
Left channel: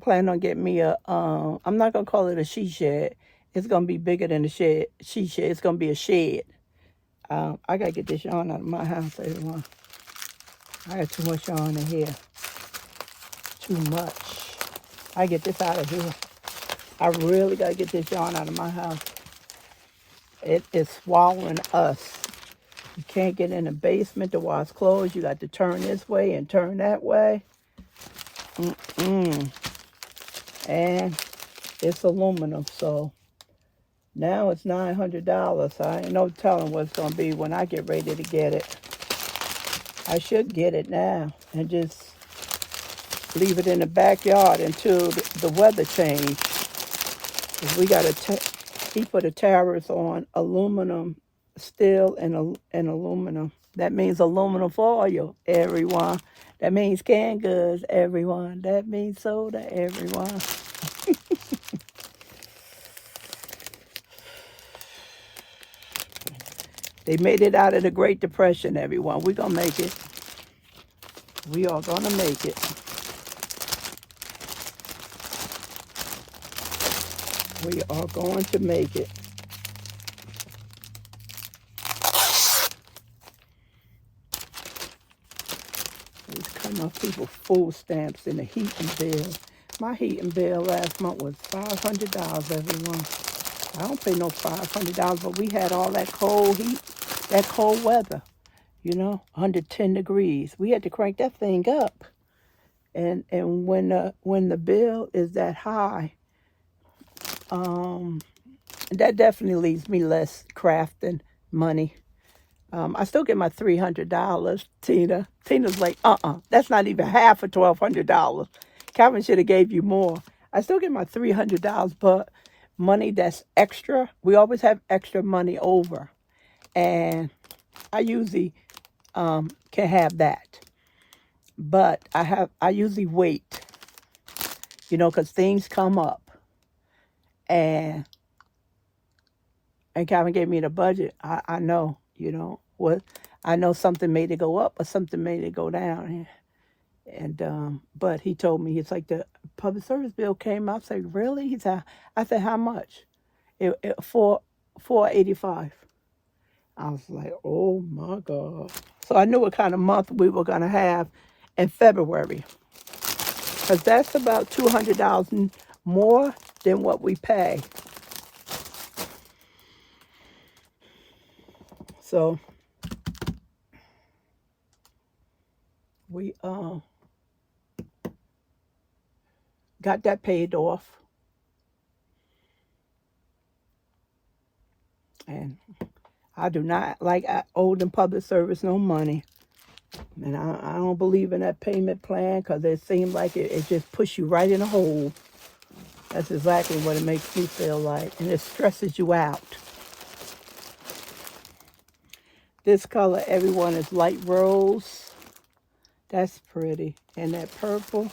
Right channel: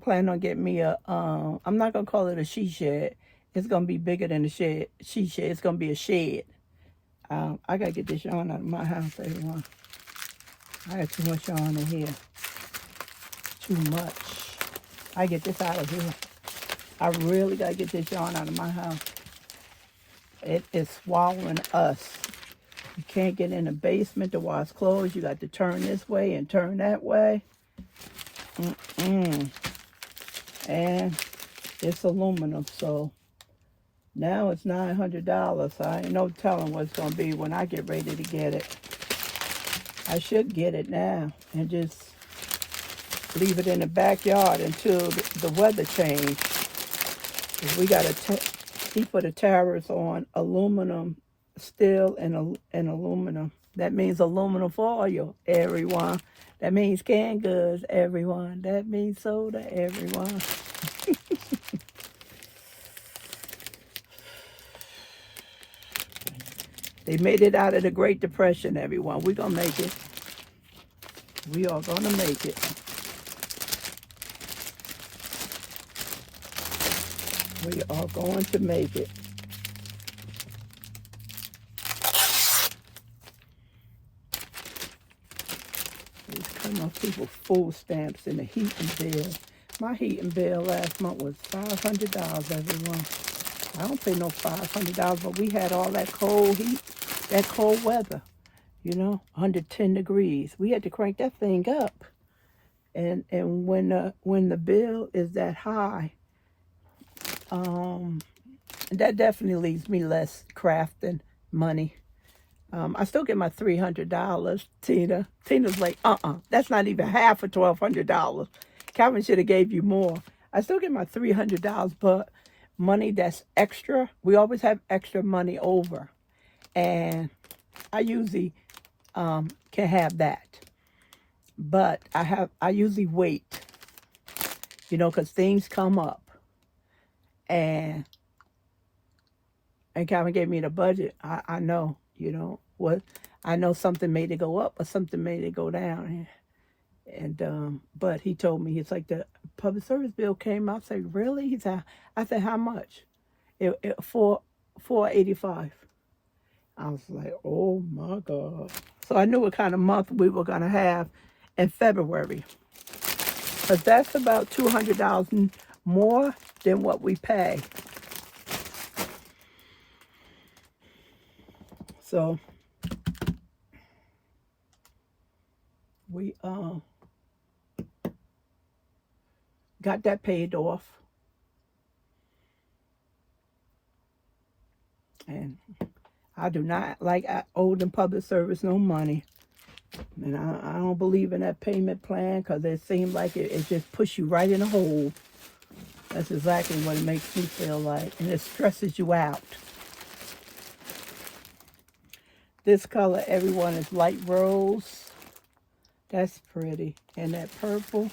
planning on getting me a I'm not gonna call it a she shed. It's going to be bigger than a shed. She shed. It's going to be a shed. I got to get this yarn out of my house, everyone. I got too much yarn in here. Too much. I get this out of here. I really got to get this yarn out of my house. It is swallowing us. You can't get in the basement to wash clothes. You got to turn this way and turn that way. And it's aluminum, so now it's $900. I ain't no telling what it's going to be when I get ready to get it. I should get it now and just leave it in the backyard until the weather change. We got he put a tariff on aluminum, steel, and aluminum. That means aluminum foil, everyone. That means canned goods, everyone. That means soda, everyone. They made it out of the Great Depression, everyone. We're going to make it. We are going to make it. We are going to make it. These come off people's food stamps and the heating bill. My heating bill last month was $500, everyone. I don't pay no $500, but we had all that cold heat, that cold weather, you know, 110 degrees. We had to crank that thing up. And when the bill is that high, that definitely leaves me less crafting money. I still get my $300, Tina. Tina's like, that's not even half of $1,200. Calvin should have gave you more. I still get my $300, but money that's extra, we always have extra money over. And I usually can have that. But I usually wait, you know, because things come up. And Calvin gave me the budget. I know, you know, what I know something made it go up or something made it go down. And but he told me, it's like the public service bill came out. I said, really? He said, I said, how much? $485. I was like, oh my God. So I knew what kind of month we were gonna have in February. Because that's about $200 more than what we pay. So we got that paid off. And I do not like owe them public service no money. And I don't believe in that payment plan because it seems like it just puts you right in a hole. That's exactly what it makes me feel like. And it stresses you out. This color, everyone, is light rose. That's pretty. And that purple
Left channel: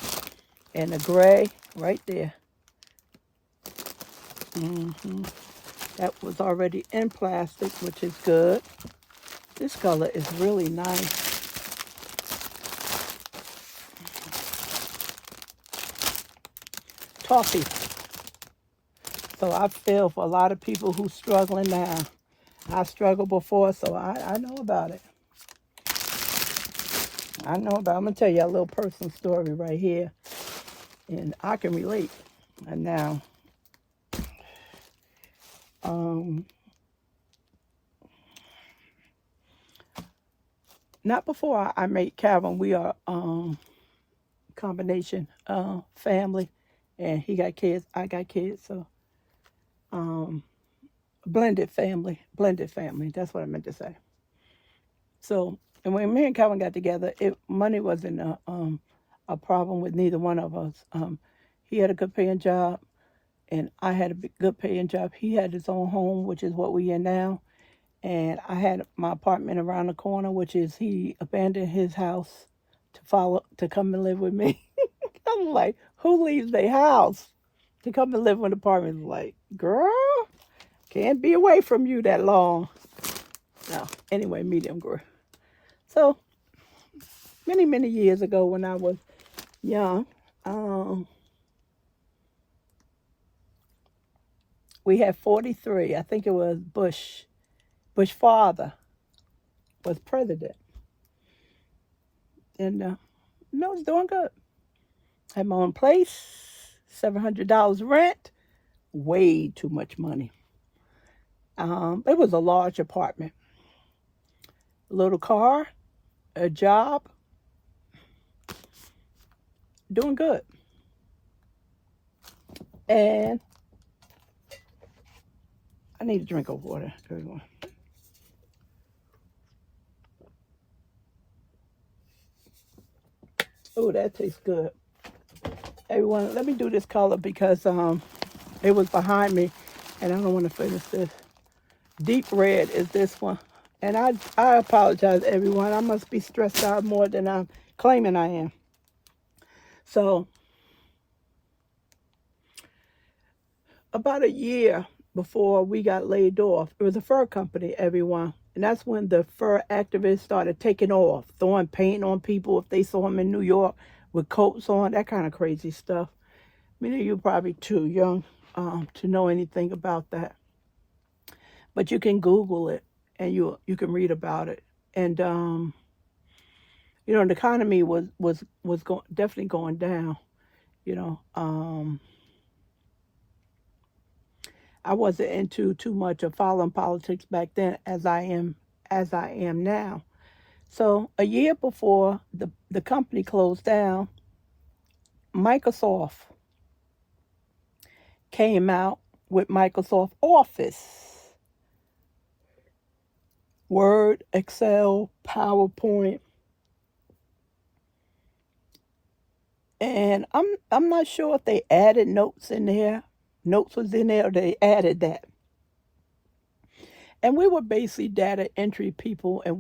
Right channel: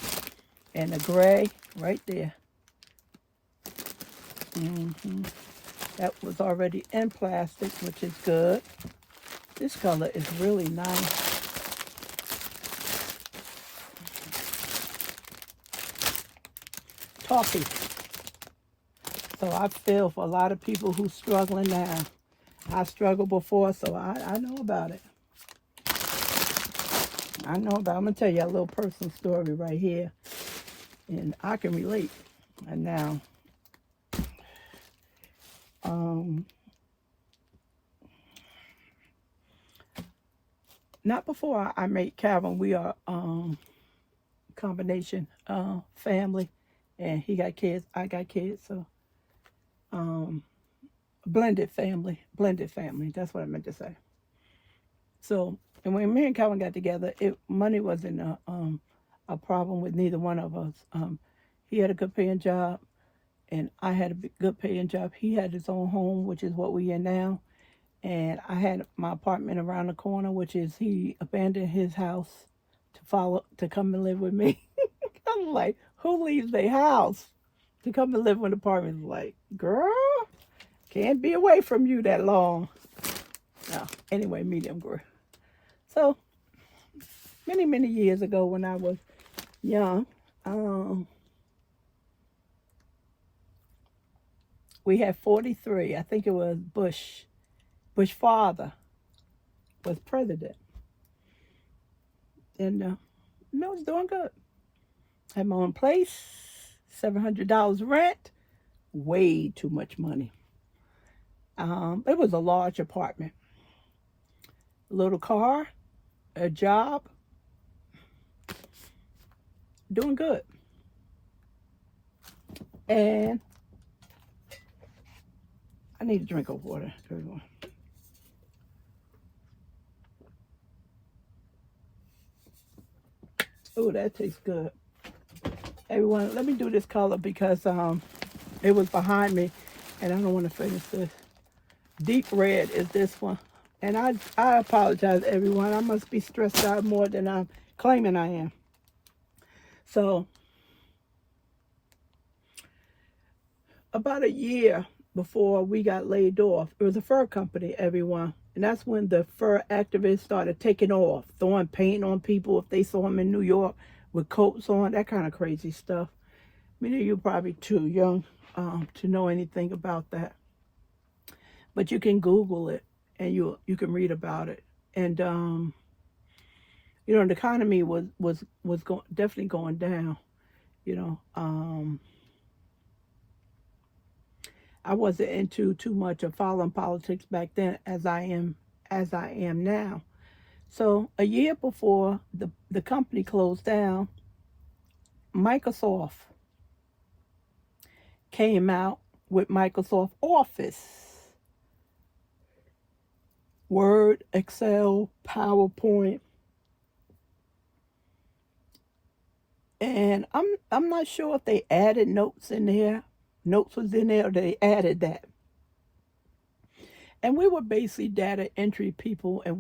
and the gray right there. That was already in plastic, which is good. This color is really nice. Toffee. So I feel for a lot of people who's struggling now. I struggled before, so I know about it. I'm going to tell you a little personal story right here. And I can relate. And now, not before I made Calvin. We are combination family. And he got kids, I got kids. So blended family. That's what I meant to say. So, and when me and Calvin got together, money wasn't a problem with neither one of us. He had a good paying job, and I had a good paying job. He had his own home, which is what we in now. And I had my apartment around the corner, which is he abandoned his house to come and live with me. I'm like, who leaves their house to come and live in an apartment? Like, girl, can't be away from you that long. No, anyway, medium girl. So, many years ago when I was young, We had 43. I think it was Bush. Bush father was president. And I was doing good. Had my own place, $700 rent, way too much money. It was a large apartment. A little car, a job, doing good. And I need a drink of water, everyone. Oh, that tastes good. Everyone, let me do this color because it was behind me and I don't want to finish this. Deep red is this one. And I apologize, everyone. I must be stressed out more than I'm claiming I am. So, about a year before we got laid off, it was a fur company, everyone. And that's when the fur activists started taking off, throwing paint on people if they saw them in New York with coats on, that kind of crazy stuff. Many of you are probably too young to know anything about that. But you can Google it and you can read about it. And you know, the economy was definitely going down. You know, I wasn't into too much of following politics back then as I am now. So a year before the company closed down, Microsoft came out with Microsoft Office, Word, Excel, PowerPoint. And I'm not sure if they added notes in there. Notes was in there, or they added that. And we were basically data entry people, and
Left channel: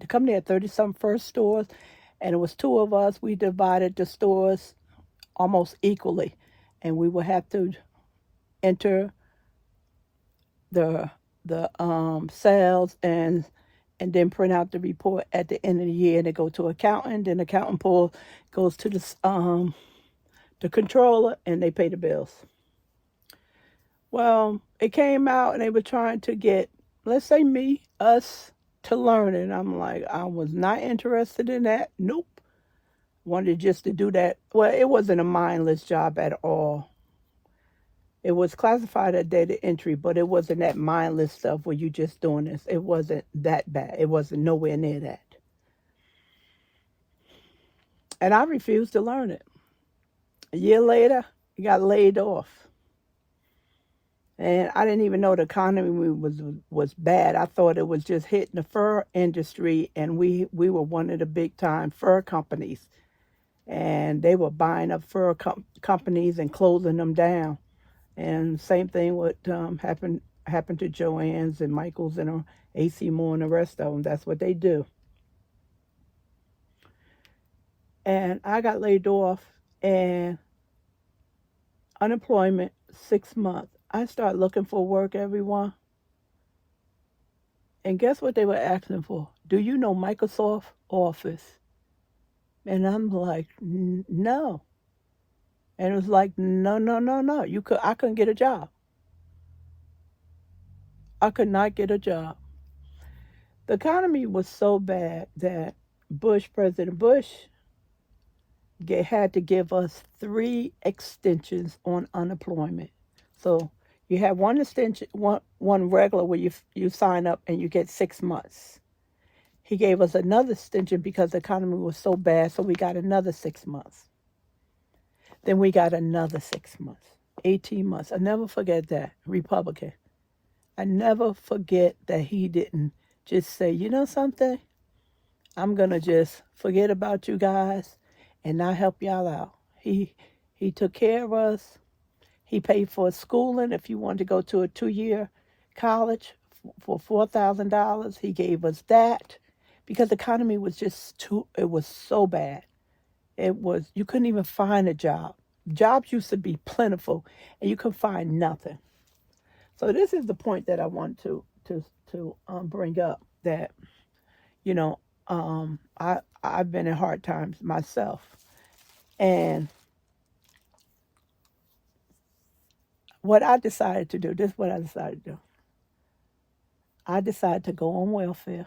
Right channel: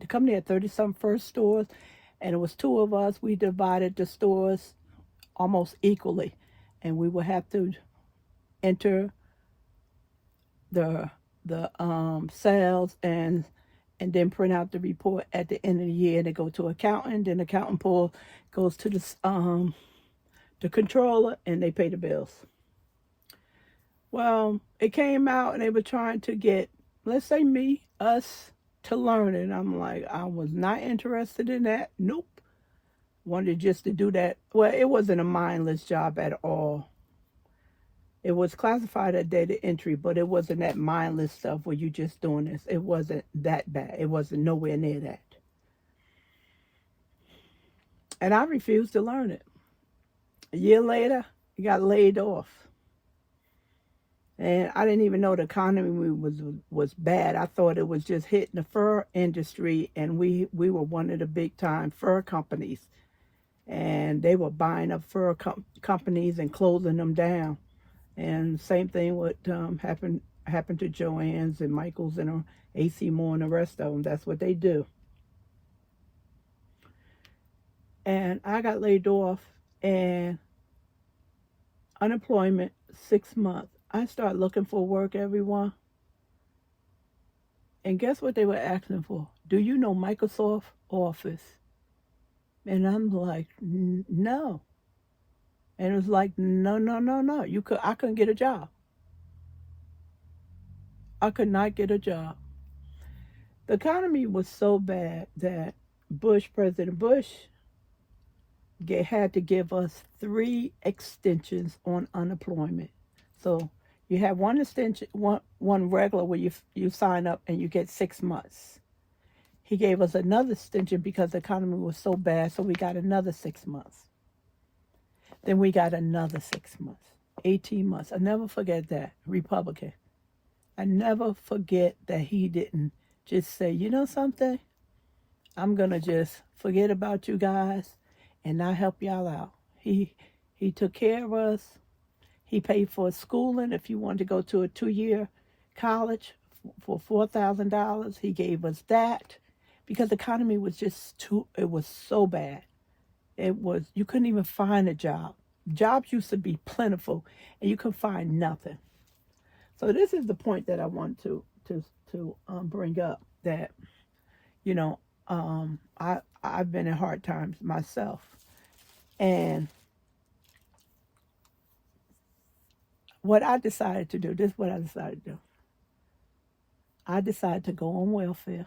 the company had 30-some first stores, and it was two of us. We divided the stores almost equally, and we would have to enter the sales and then print out the report at the end of the year. And they go to accountant, then accountant goes to the controller, and they pay the bills. Well, it came out, and they were trying to get, let's say us, to learn it. And I'm like, I was not interested in that. Nope. Wanted just to do that. Well, it wasn't a mindless job at all. It was classified as data entry, but it wasn't that mindless stuff where you just doing this. It wasn't that bad. It wasn't nowhere near that. And I refused to learn it. A year later, I got laid off. And I didn't even know the economy was bad. I thought it was just hitting the fur industry, and we were one of the big time fur companies. And they were buying up fur companies and closing them down. And same thing what happened to Joann's and Michael's and AC Moore and the rest of them. That's what they do. And I got laid off, and unemployment 6 months. I started looking for work, everyone. And guess what they were asking for? Do you know Microsoft Office? And I'm like, no. And it was like, no. I couldn't get a job. I could not get a job. The economy was so bad that President Bush, had to give us 3 extensions on unemployment. So you have one extension, one regular where you sign up and you get 6 months. He gave us another extension because the economy was so bad, so we got another 6 months. Then we got another 6 months, 18 months. I never forget that, Republican. I never forget that he didn't just say, you know something? I'm going to just forget about you guys and not help y'all out. He took care of us. He paid for schooling if you wanted to go to a 2-year college for $4,000. He gave us that because the economy was it was so bad. You couldn't even find a job. Jobs used to be plentiful, and you could find nothing. So this is the point that I want to bring up, that, you know, I've been in hard times myself, and what I decided to do, this is what I decided to do. I decided to go on welfare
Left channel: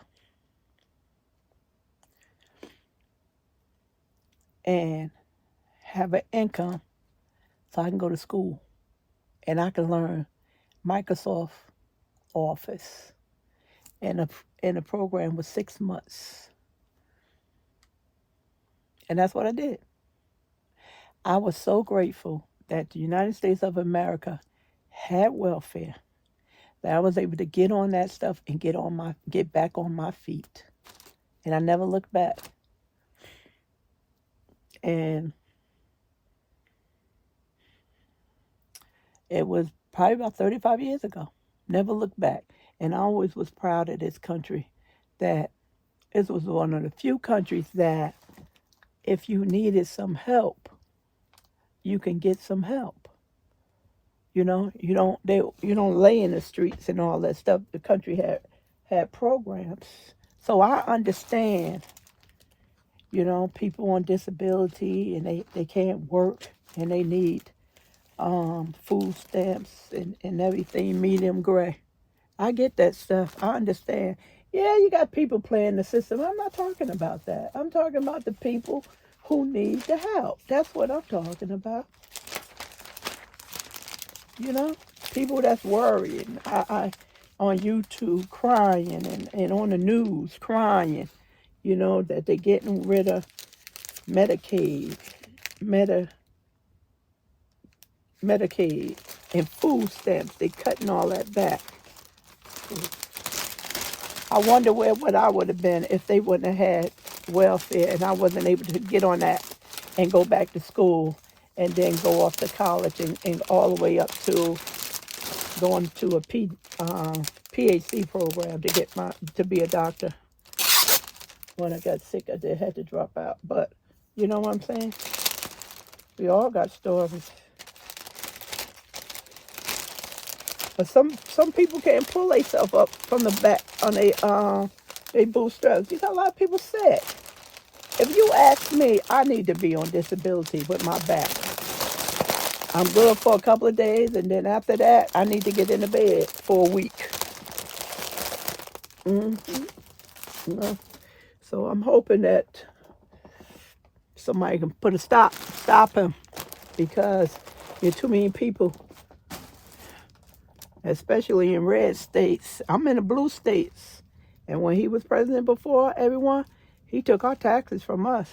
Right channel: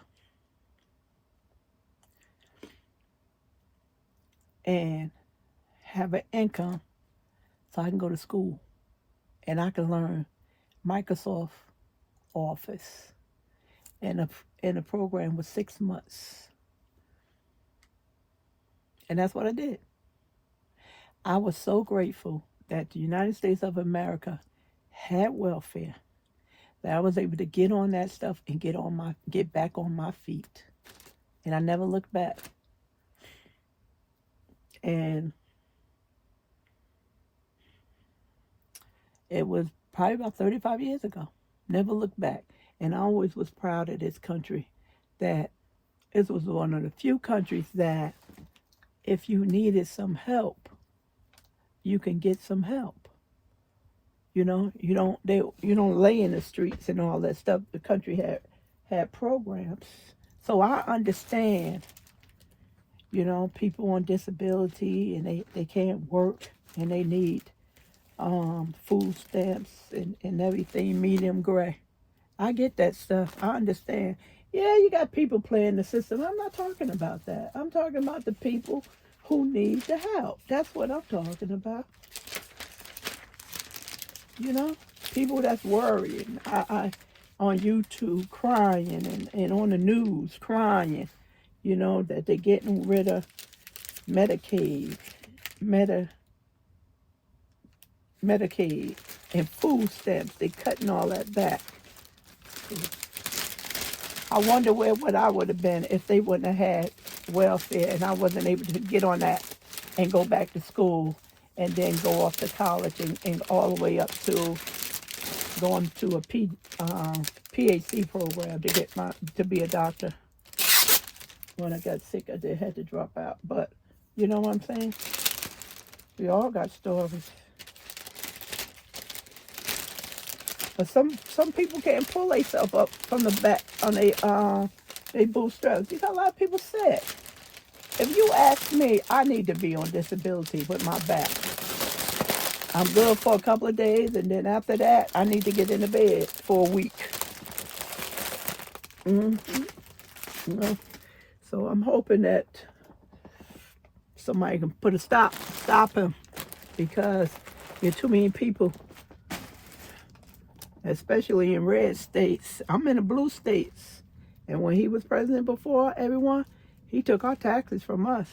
and have an income so I can go to school and I can learn Microsoft Office. And the program was 6 months. And that's what I did. I was so grateful that the United States of America had welfare that I was able to get on that stuff and get back on my feet. And I never looked back. And it was probably about 35 years ago. Never looked back. And I always was proud of this country that this was one of the few countries that if you needed some help, you can get some help. You know, you don't lay in the streets and all that stuff. The country had programs. So I understand, you know, people on disability and they can't work and they need food stamps and everything medium gray. I get that stuff. I understand. Yeah, you got people playing the system. I'm not talking about that. I'm talking about the people who need the help. That's what I'm talking about. You know, people that's worrying. I on YouTube crying and on the news crying, you know, that they're getting rid of Medicaid, Medicaid and food stamps. They're cutting all that back. I wonder what I would have been if they wouldn't have had welfare and I wasn't able to get on that and go back to school and then go off to college and all the way up to going to a PhD program to be a doctor. When I got sick, I had to drop out. But you know what I'm saying? We all got stories. But some people can't pull themselves up from the back on they bootstraps. You know, a lot of people sick. If you ask me, I need to be on disability with my back. I'm good for a couple of days, and then after that, I need to get in the bed for a week. You know? So I'm hoping that somebody can put a stop him, because there are too many people, especially in red states. I'm in the blue states. And when he was president before, everyone, he took our taxes from us.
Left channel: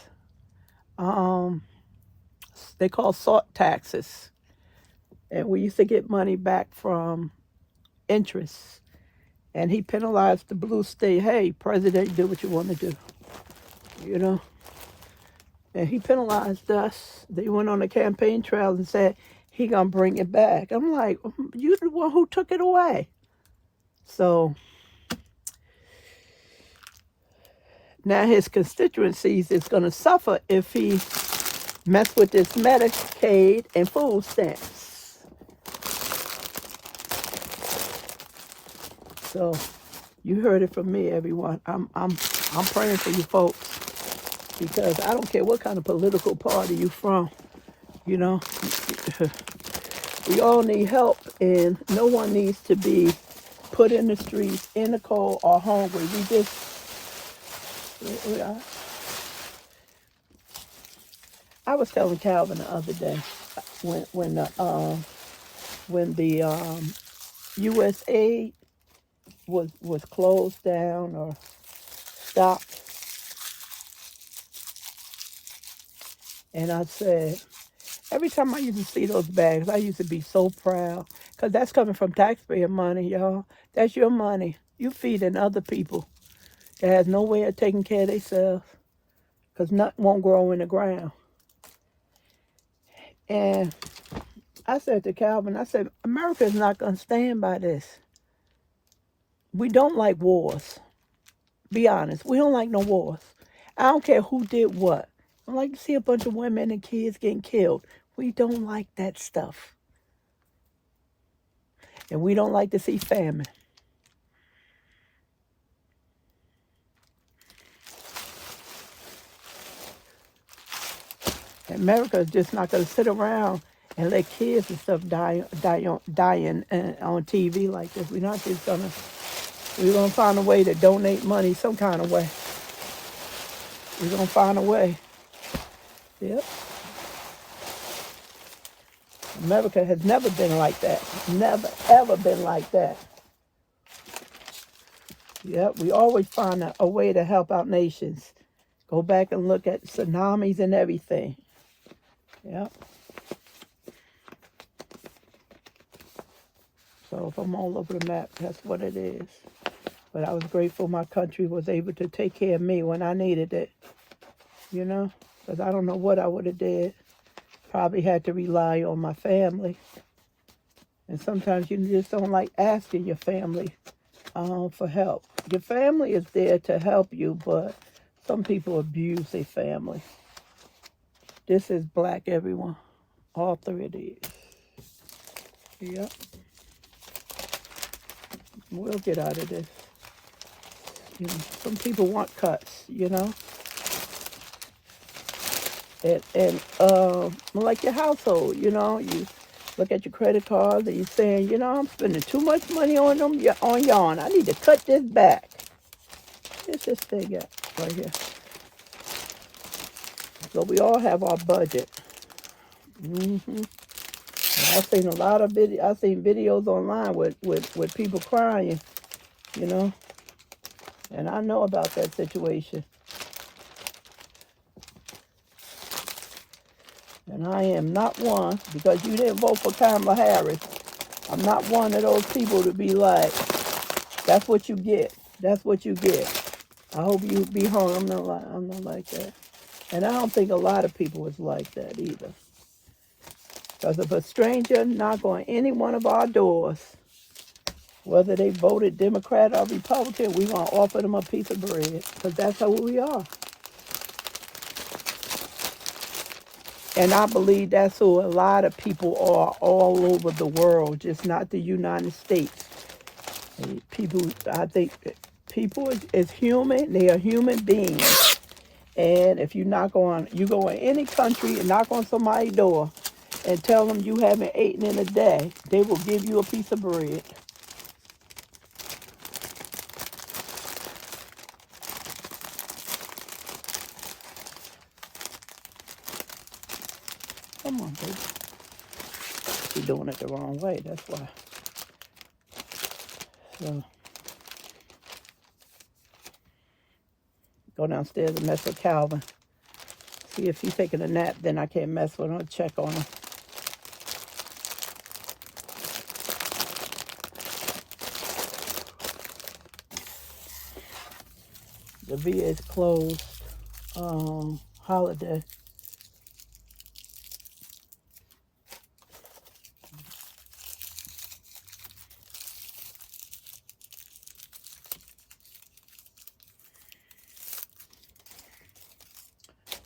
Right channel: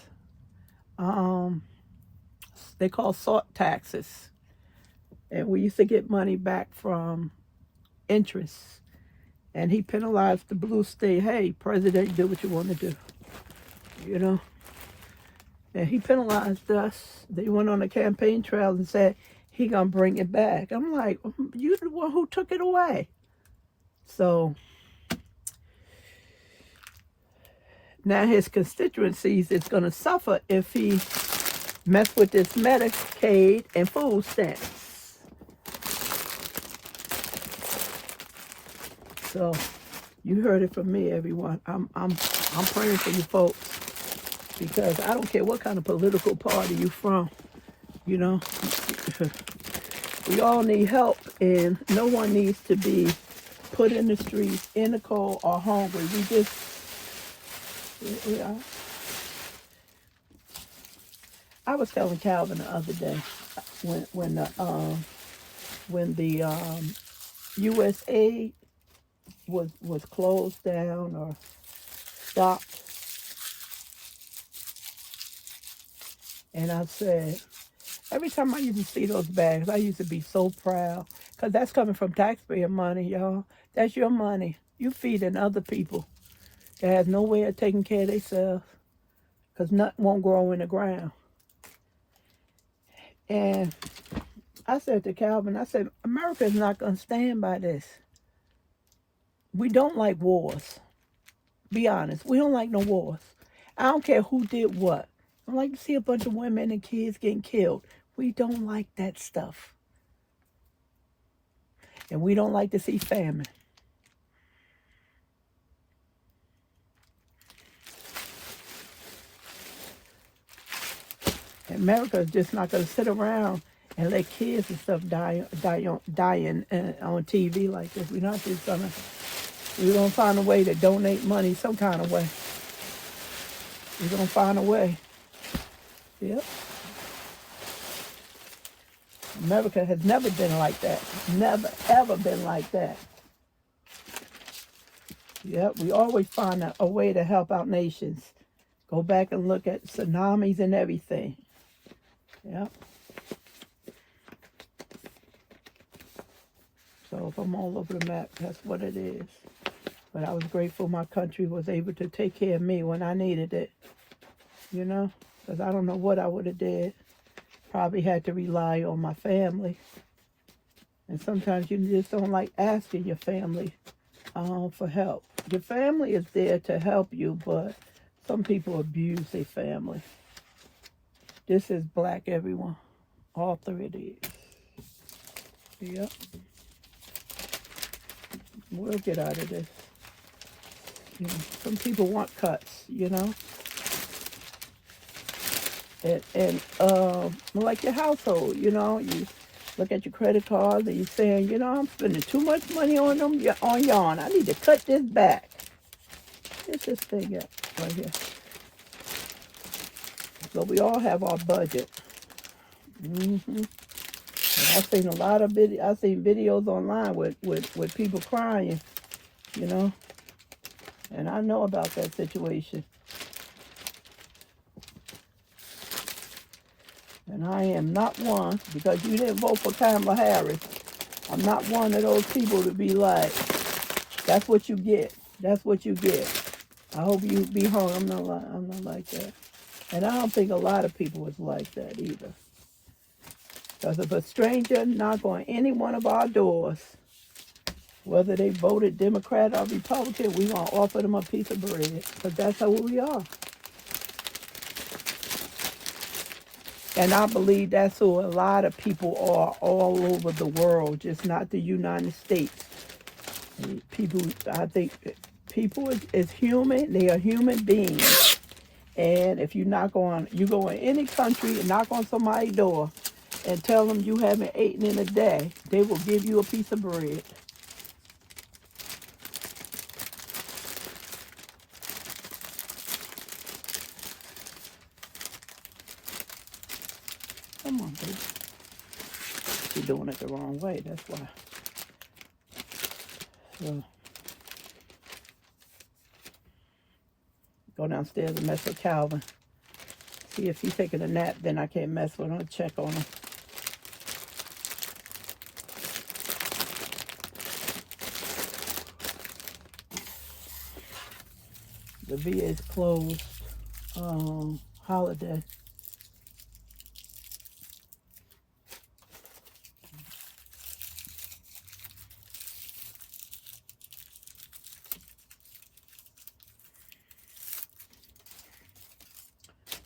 They call salt taxes. And we used to get money back from interest. And he penalized the blue state. Hey, president, do what you want to do. You know? And he penalized us. They went on the campaign trail and said, he gonna bring it back. I'm like, you're the one who took it away. So now his constituencies is gonna suffer if he mess with this Medicaid and food stamps. So you heard it from me, everyone. I'm praying for you folks, because I don't care what kind of political party you from. You know, we all need help, and no one needs to be put in the streets, in the cold, or hungry. I was telling Calvin the other day when the U.S. aid was closed down or stopped, and I said, every time I used to see those bags, I used to be so proud, because that's coming from taxpayer money, y'all. That's your money. You feeding other people that has no way of taking care of themselves, because nothing won't grow in the ground. And I said to Calvin, I said, America is not going to stand by this. We don't like wars. Be honest. We don't like no wars. I don't care who did what. I don't like to see a bunch of women and kids getting killed. We don't like that stuff. And we don't like to see famine. America is just not going to sit around and let kids and stuff dying on TV like this. We're gonna find a way to donate money some kind of way. We're gonna find a way. Yep. America has never been like that. Never, ever been like that. Yep, we always find a way to help out nations. Go back and look at tsunamis and everything. Yep. So if I'm all over the map, that's what it is. But I was grateful my country was able to take care of me when I needed it. You know, because I don't know what I would have did. Probably had to rely on my family. And sometimes you just don't like asking your family for help. Your family is there to help you, but some people abuse their family. This is black, everyone. All three of these. Yep. We'll get out of this. You know, some people want cuts, you know. And like your household, you know, you look at your credit card and you're saying, you know, I'm spending too much money on yarn. I need to cut this back. Here's this thing at right here. So we all have our budget. I've seen a lot of videos online with people crying, you know, and I know about that situation. And I am not one, because you didn't vote for Kamala Harris, I'm not one of those people to be like, that's what you get. That's what you get. I hope you be home. I'm not like that. And I don't think a lot of people is like that either. Because if a stranger knock on any one of our doors, whether they voted Democrat or Republican, we're going to offer them a piece of bread. Because that's who we are. And I believe that's who a lot of people are all over the world, just not the United States. I think people is human. They are human beings. And if you go in any country and knock on somebody's door and tell them you haven't eaten in a day, they will give you a piece of bread. Come on, baby. You're doing it the wrong way, that's why. So, go downstairs and mess with Calvin. See if he's taking a nap, then I can't mess with him. Check on him. The VA is closed. Holiday.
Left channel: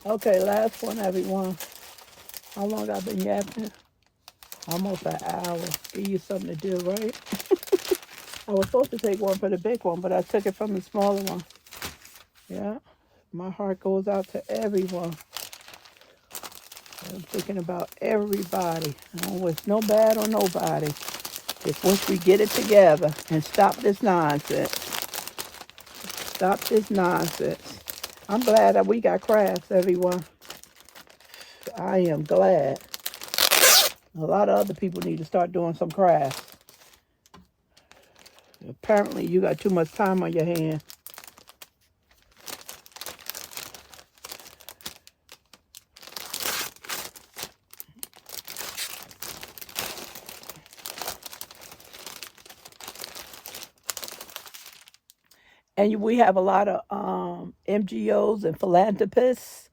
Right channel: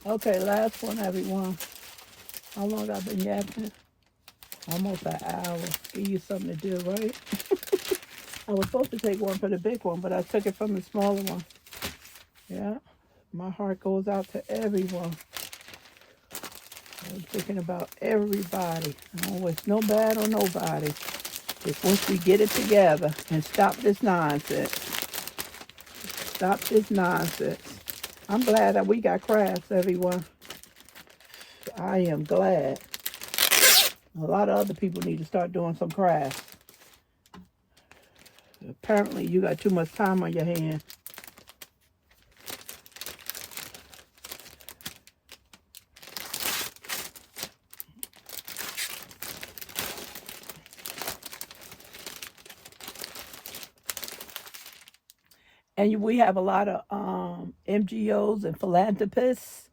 Okay, last one, everyone. How long I've been yapping? Almost an hour. Give you something to do, right? I was supposed to take one for the big one, but I took it from the smaller one. Yeah, my heart goes out to everyone. I'm thinking about everybody. I don't wish no bad on nobody. Just once we get it together and stop this nonsense. Stop this nonsense. I'm glad that we got crafts, everyone. I am glad. A lot of other people need to start doing some crafts. Apparently, you got too much time on your hands. And we have a lot of NGOs and philanthropists.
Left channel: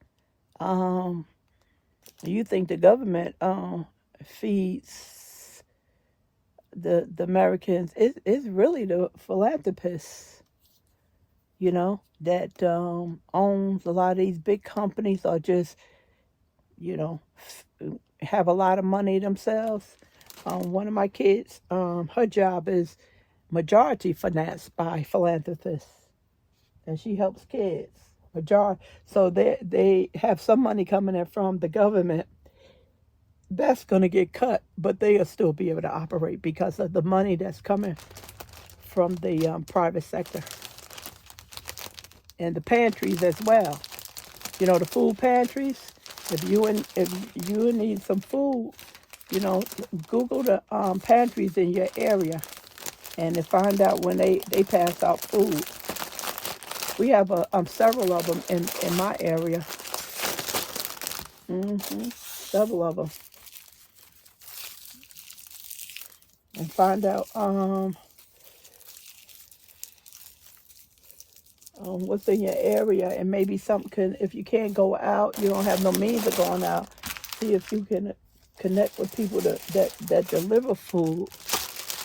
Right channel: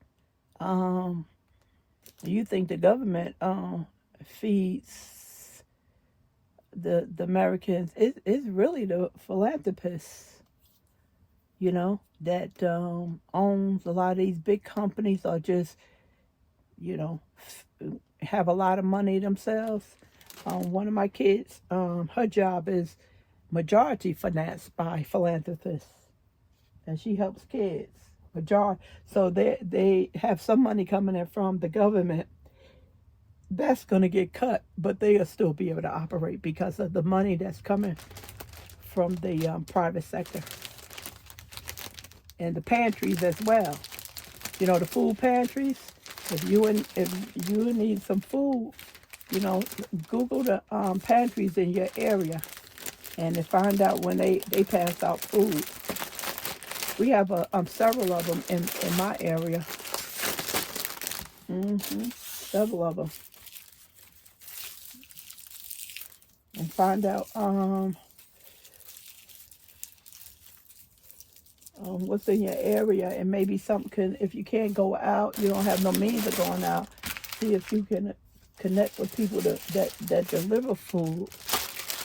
You think the government feeds the Americans? It's really the philanthropists, you know, that owns a lot of these big companies, or just, you know, have a lot of money themselves. One of my kids, her job is majority financed by philanthropists, and she helps kids. So they have some money coming in from the government, that's going to get cut, but they'll still be able to operate because of the money that's coming from the private sector and the pantries as well. You know, the food pantries. If you need some food, you know, Google the pantries in your area and to find out when they pass out food. We have several of them in my area. Several of them. And find out what's in your area, and maybe something can, if you can't go out, you don't have no means of going out, see if you can connect with people that deliver food.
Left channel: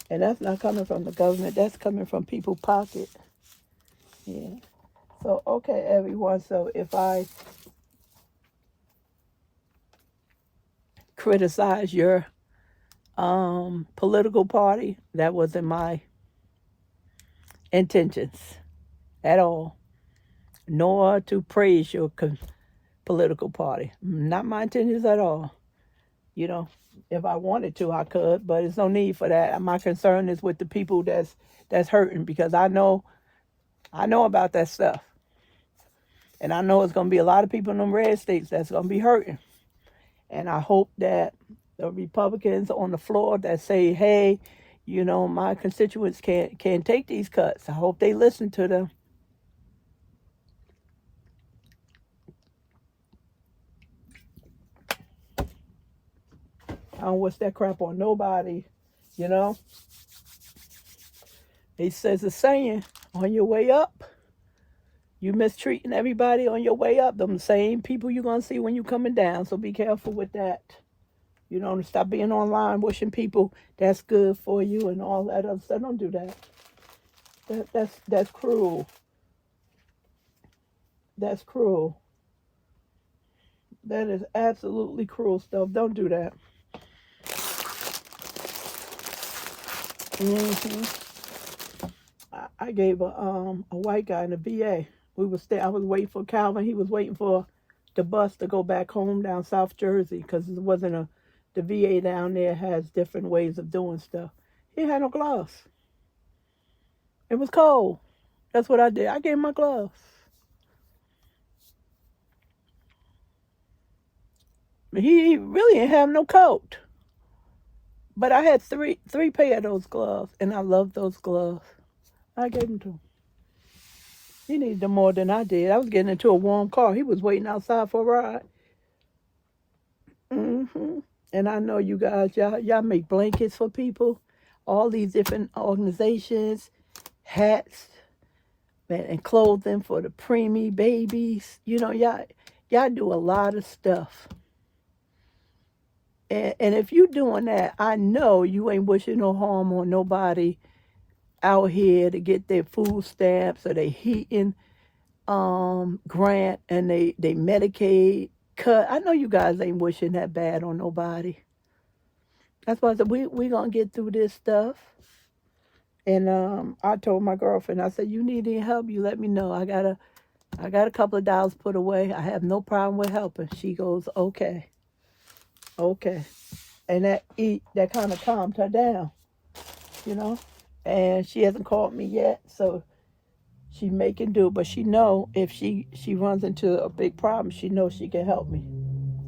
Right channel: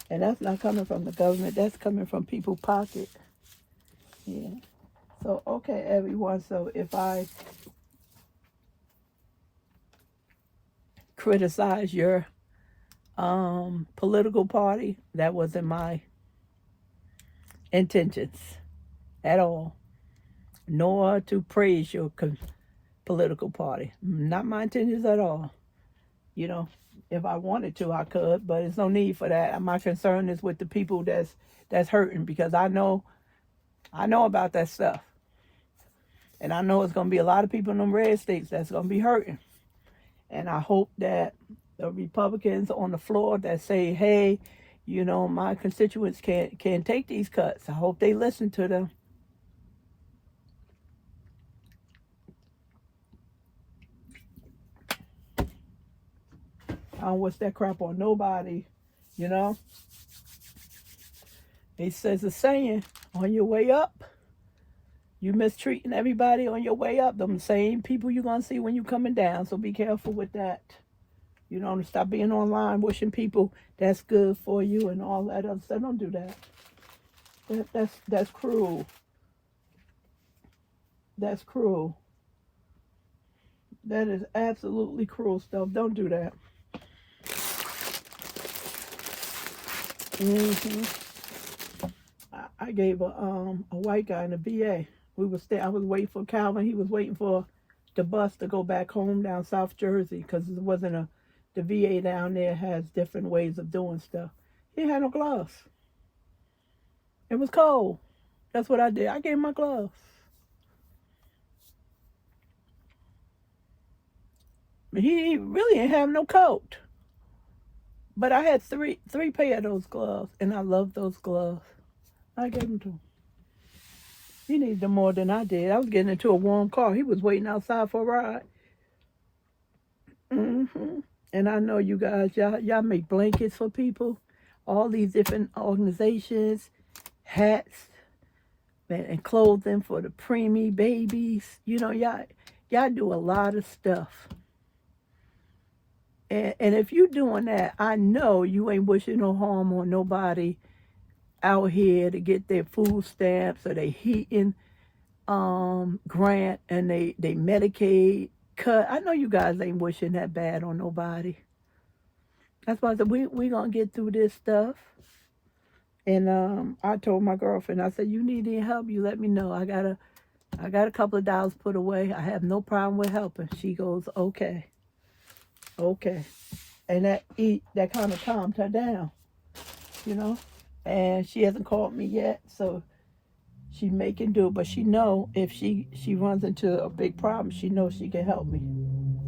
And that's not coming from the government, that's coming from people's pocket. Yeah. So, okay, everyone, so if I criticize your political party, that wasn't my intentions at all, nor to praise your political party. Not my intentions at all. You know, if I wanted to, I could, but there's no need for that. My concern is with the people that's hurting, because I know about that stuff. And I know it's going to be a lot of people in them red states that's going to be hurting. And I hope that the Republicans on the floor that say, hey, you know, my constituents can't take these cuts, I hope they listen to them. I don't wish that crap on nobody, you know. He says a saying, on your way up, you mistreating everybody on your way up. Them same people you're going to see when you're coming down. So be careful with that. You know, stop being online wishing people that's good for you and all that other stuff. Don't do that. That's cruel. That's cruel. That is absolutely cruel stuff. Don't do that. I gave a white guy in the VA. I was waiting for Calvin. He was waiting for the bus to go back home down South Jersey, because it wasn't the VA down there has different ways of doing stuff. He had no gloves. It was cold. That's what I did. I gave him my gloves. He really didn't have no coat. But I had three pair of those gloves, and I love those gloves. I gave them to him. He needed them more than I did. I was getting into a warm car. He was waiting outside for a ride. And I know you guys, y'all make blankets for people. All these different organizations, hats, and clothing for the preemie babies. You know, y'all do a lot of stuff. And if you doing that, I know you ain't wishing no harm on nobody out here to get their food stamps or their heating grant and they Medicaid cut. I know you guys ain't wishing that bad on nobody. That's why I said we gonna get through this stuff. And I told my girlfriend, I said, you need any help, you let me know. I got a couple of dollars put away. I have no problem with helping. She goes, okay. And that kind of calmed her down, you know. And she hasn't called me yet, so she making do. But she know if she runs into a big problem, she knows she can help me.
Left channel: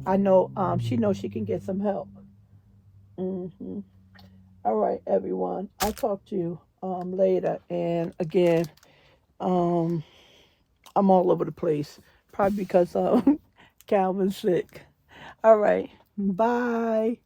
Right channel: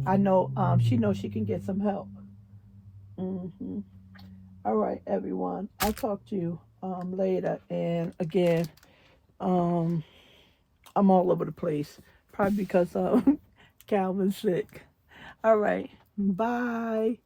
I know she knows she can get some help. All right, everyone. I'll talk to you later. And again, I'm all over the place, probably because Calvin's sick. All right. Bye.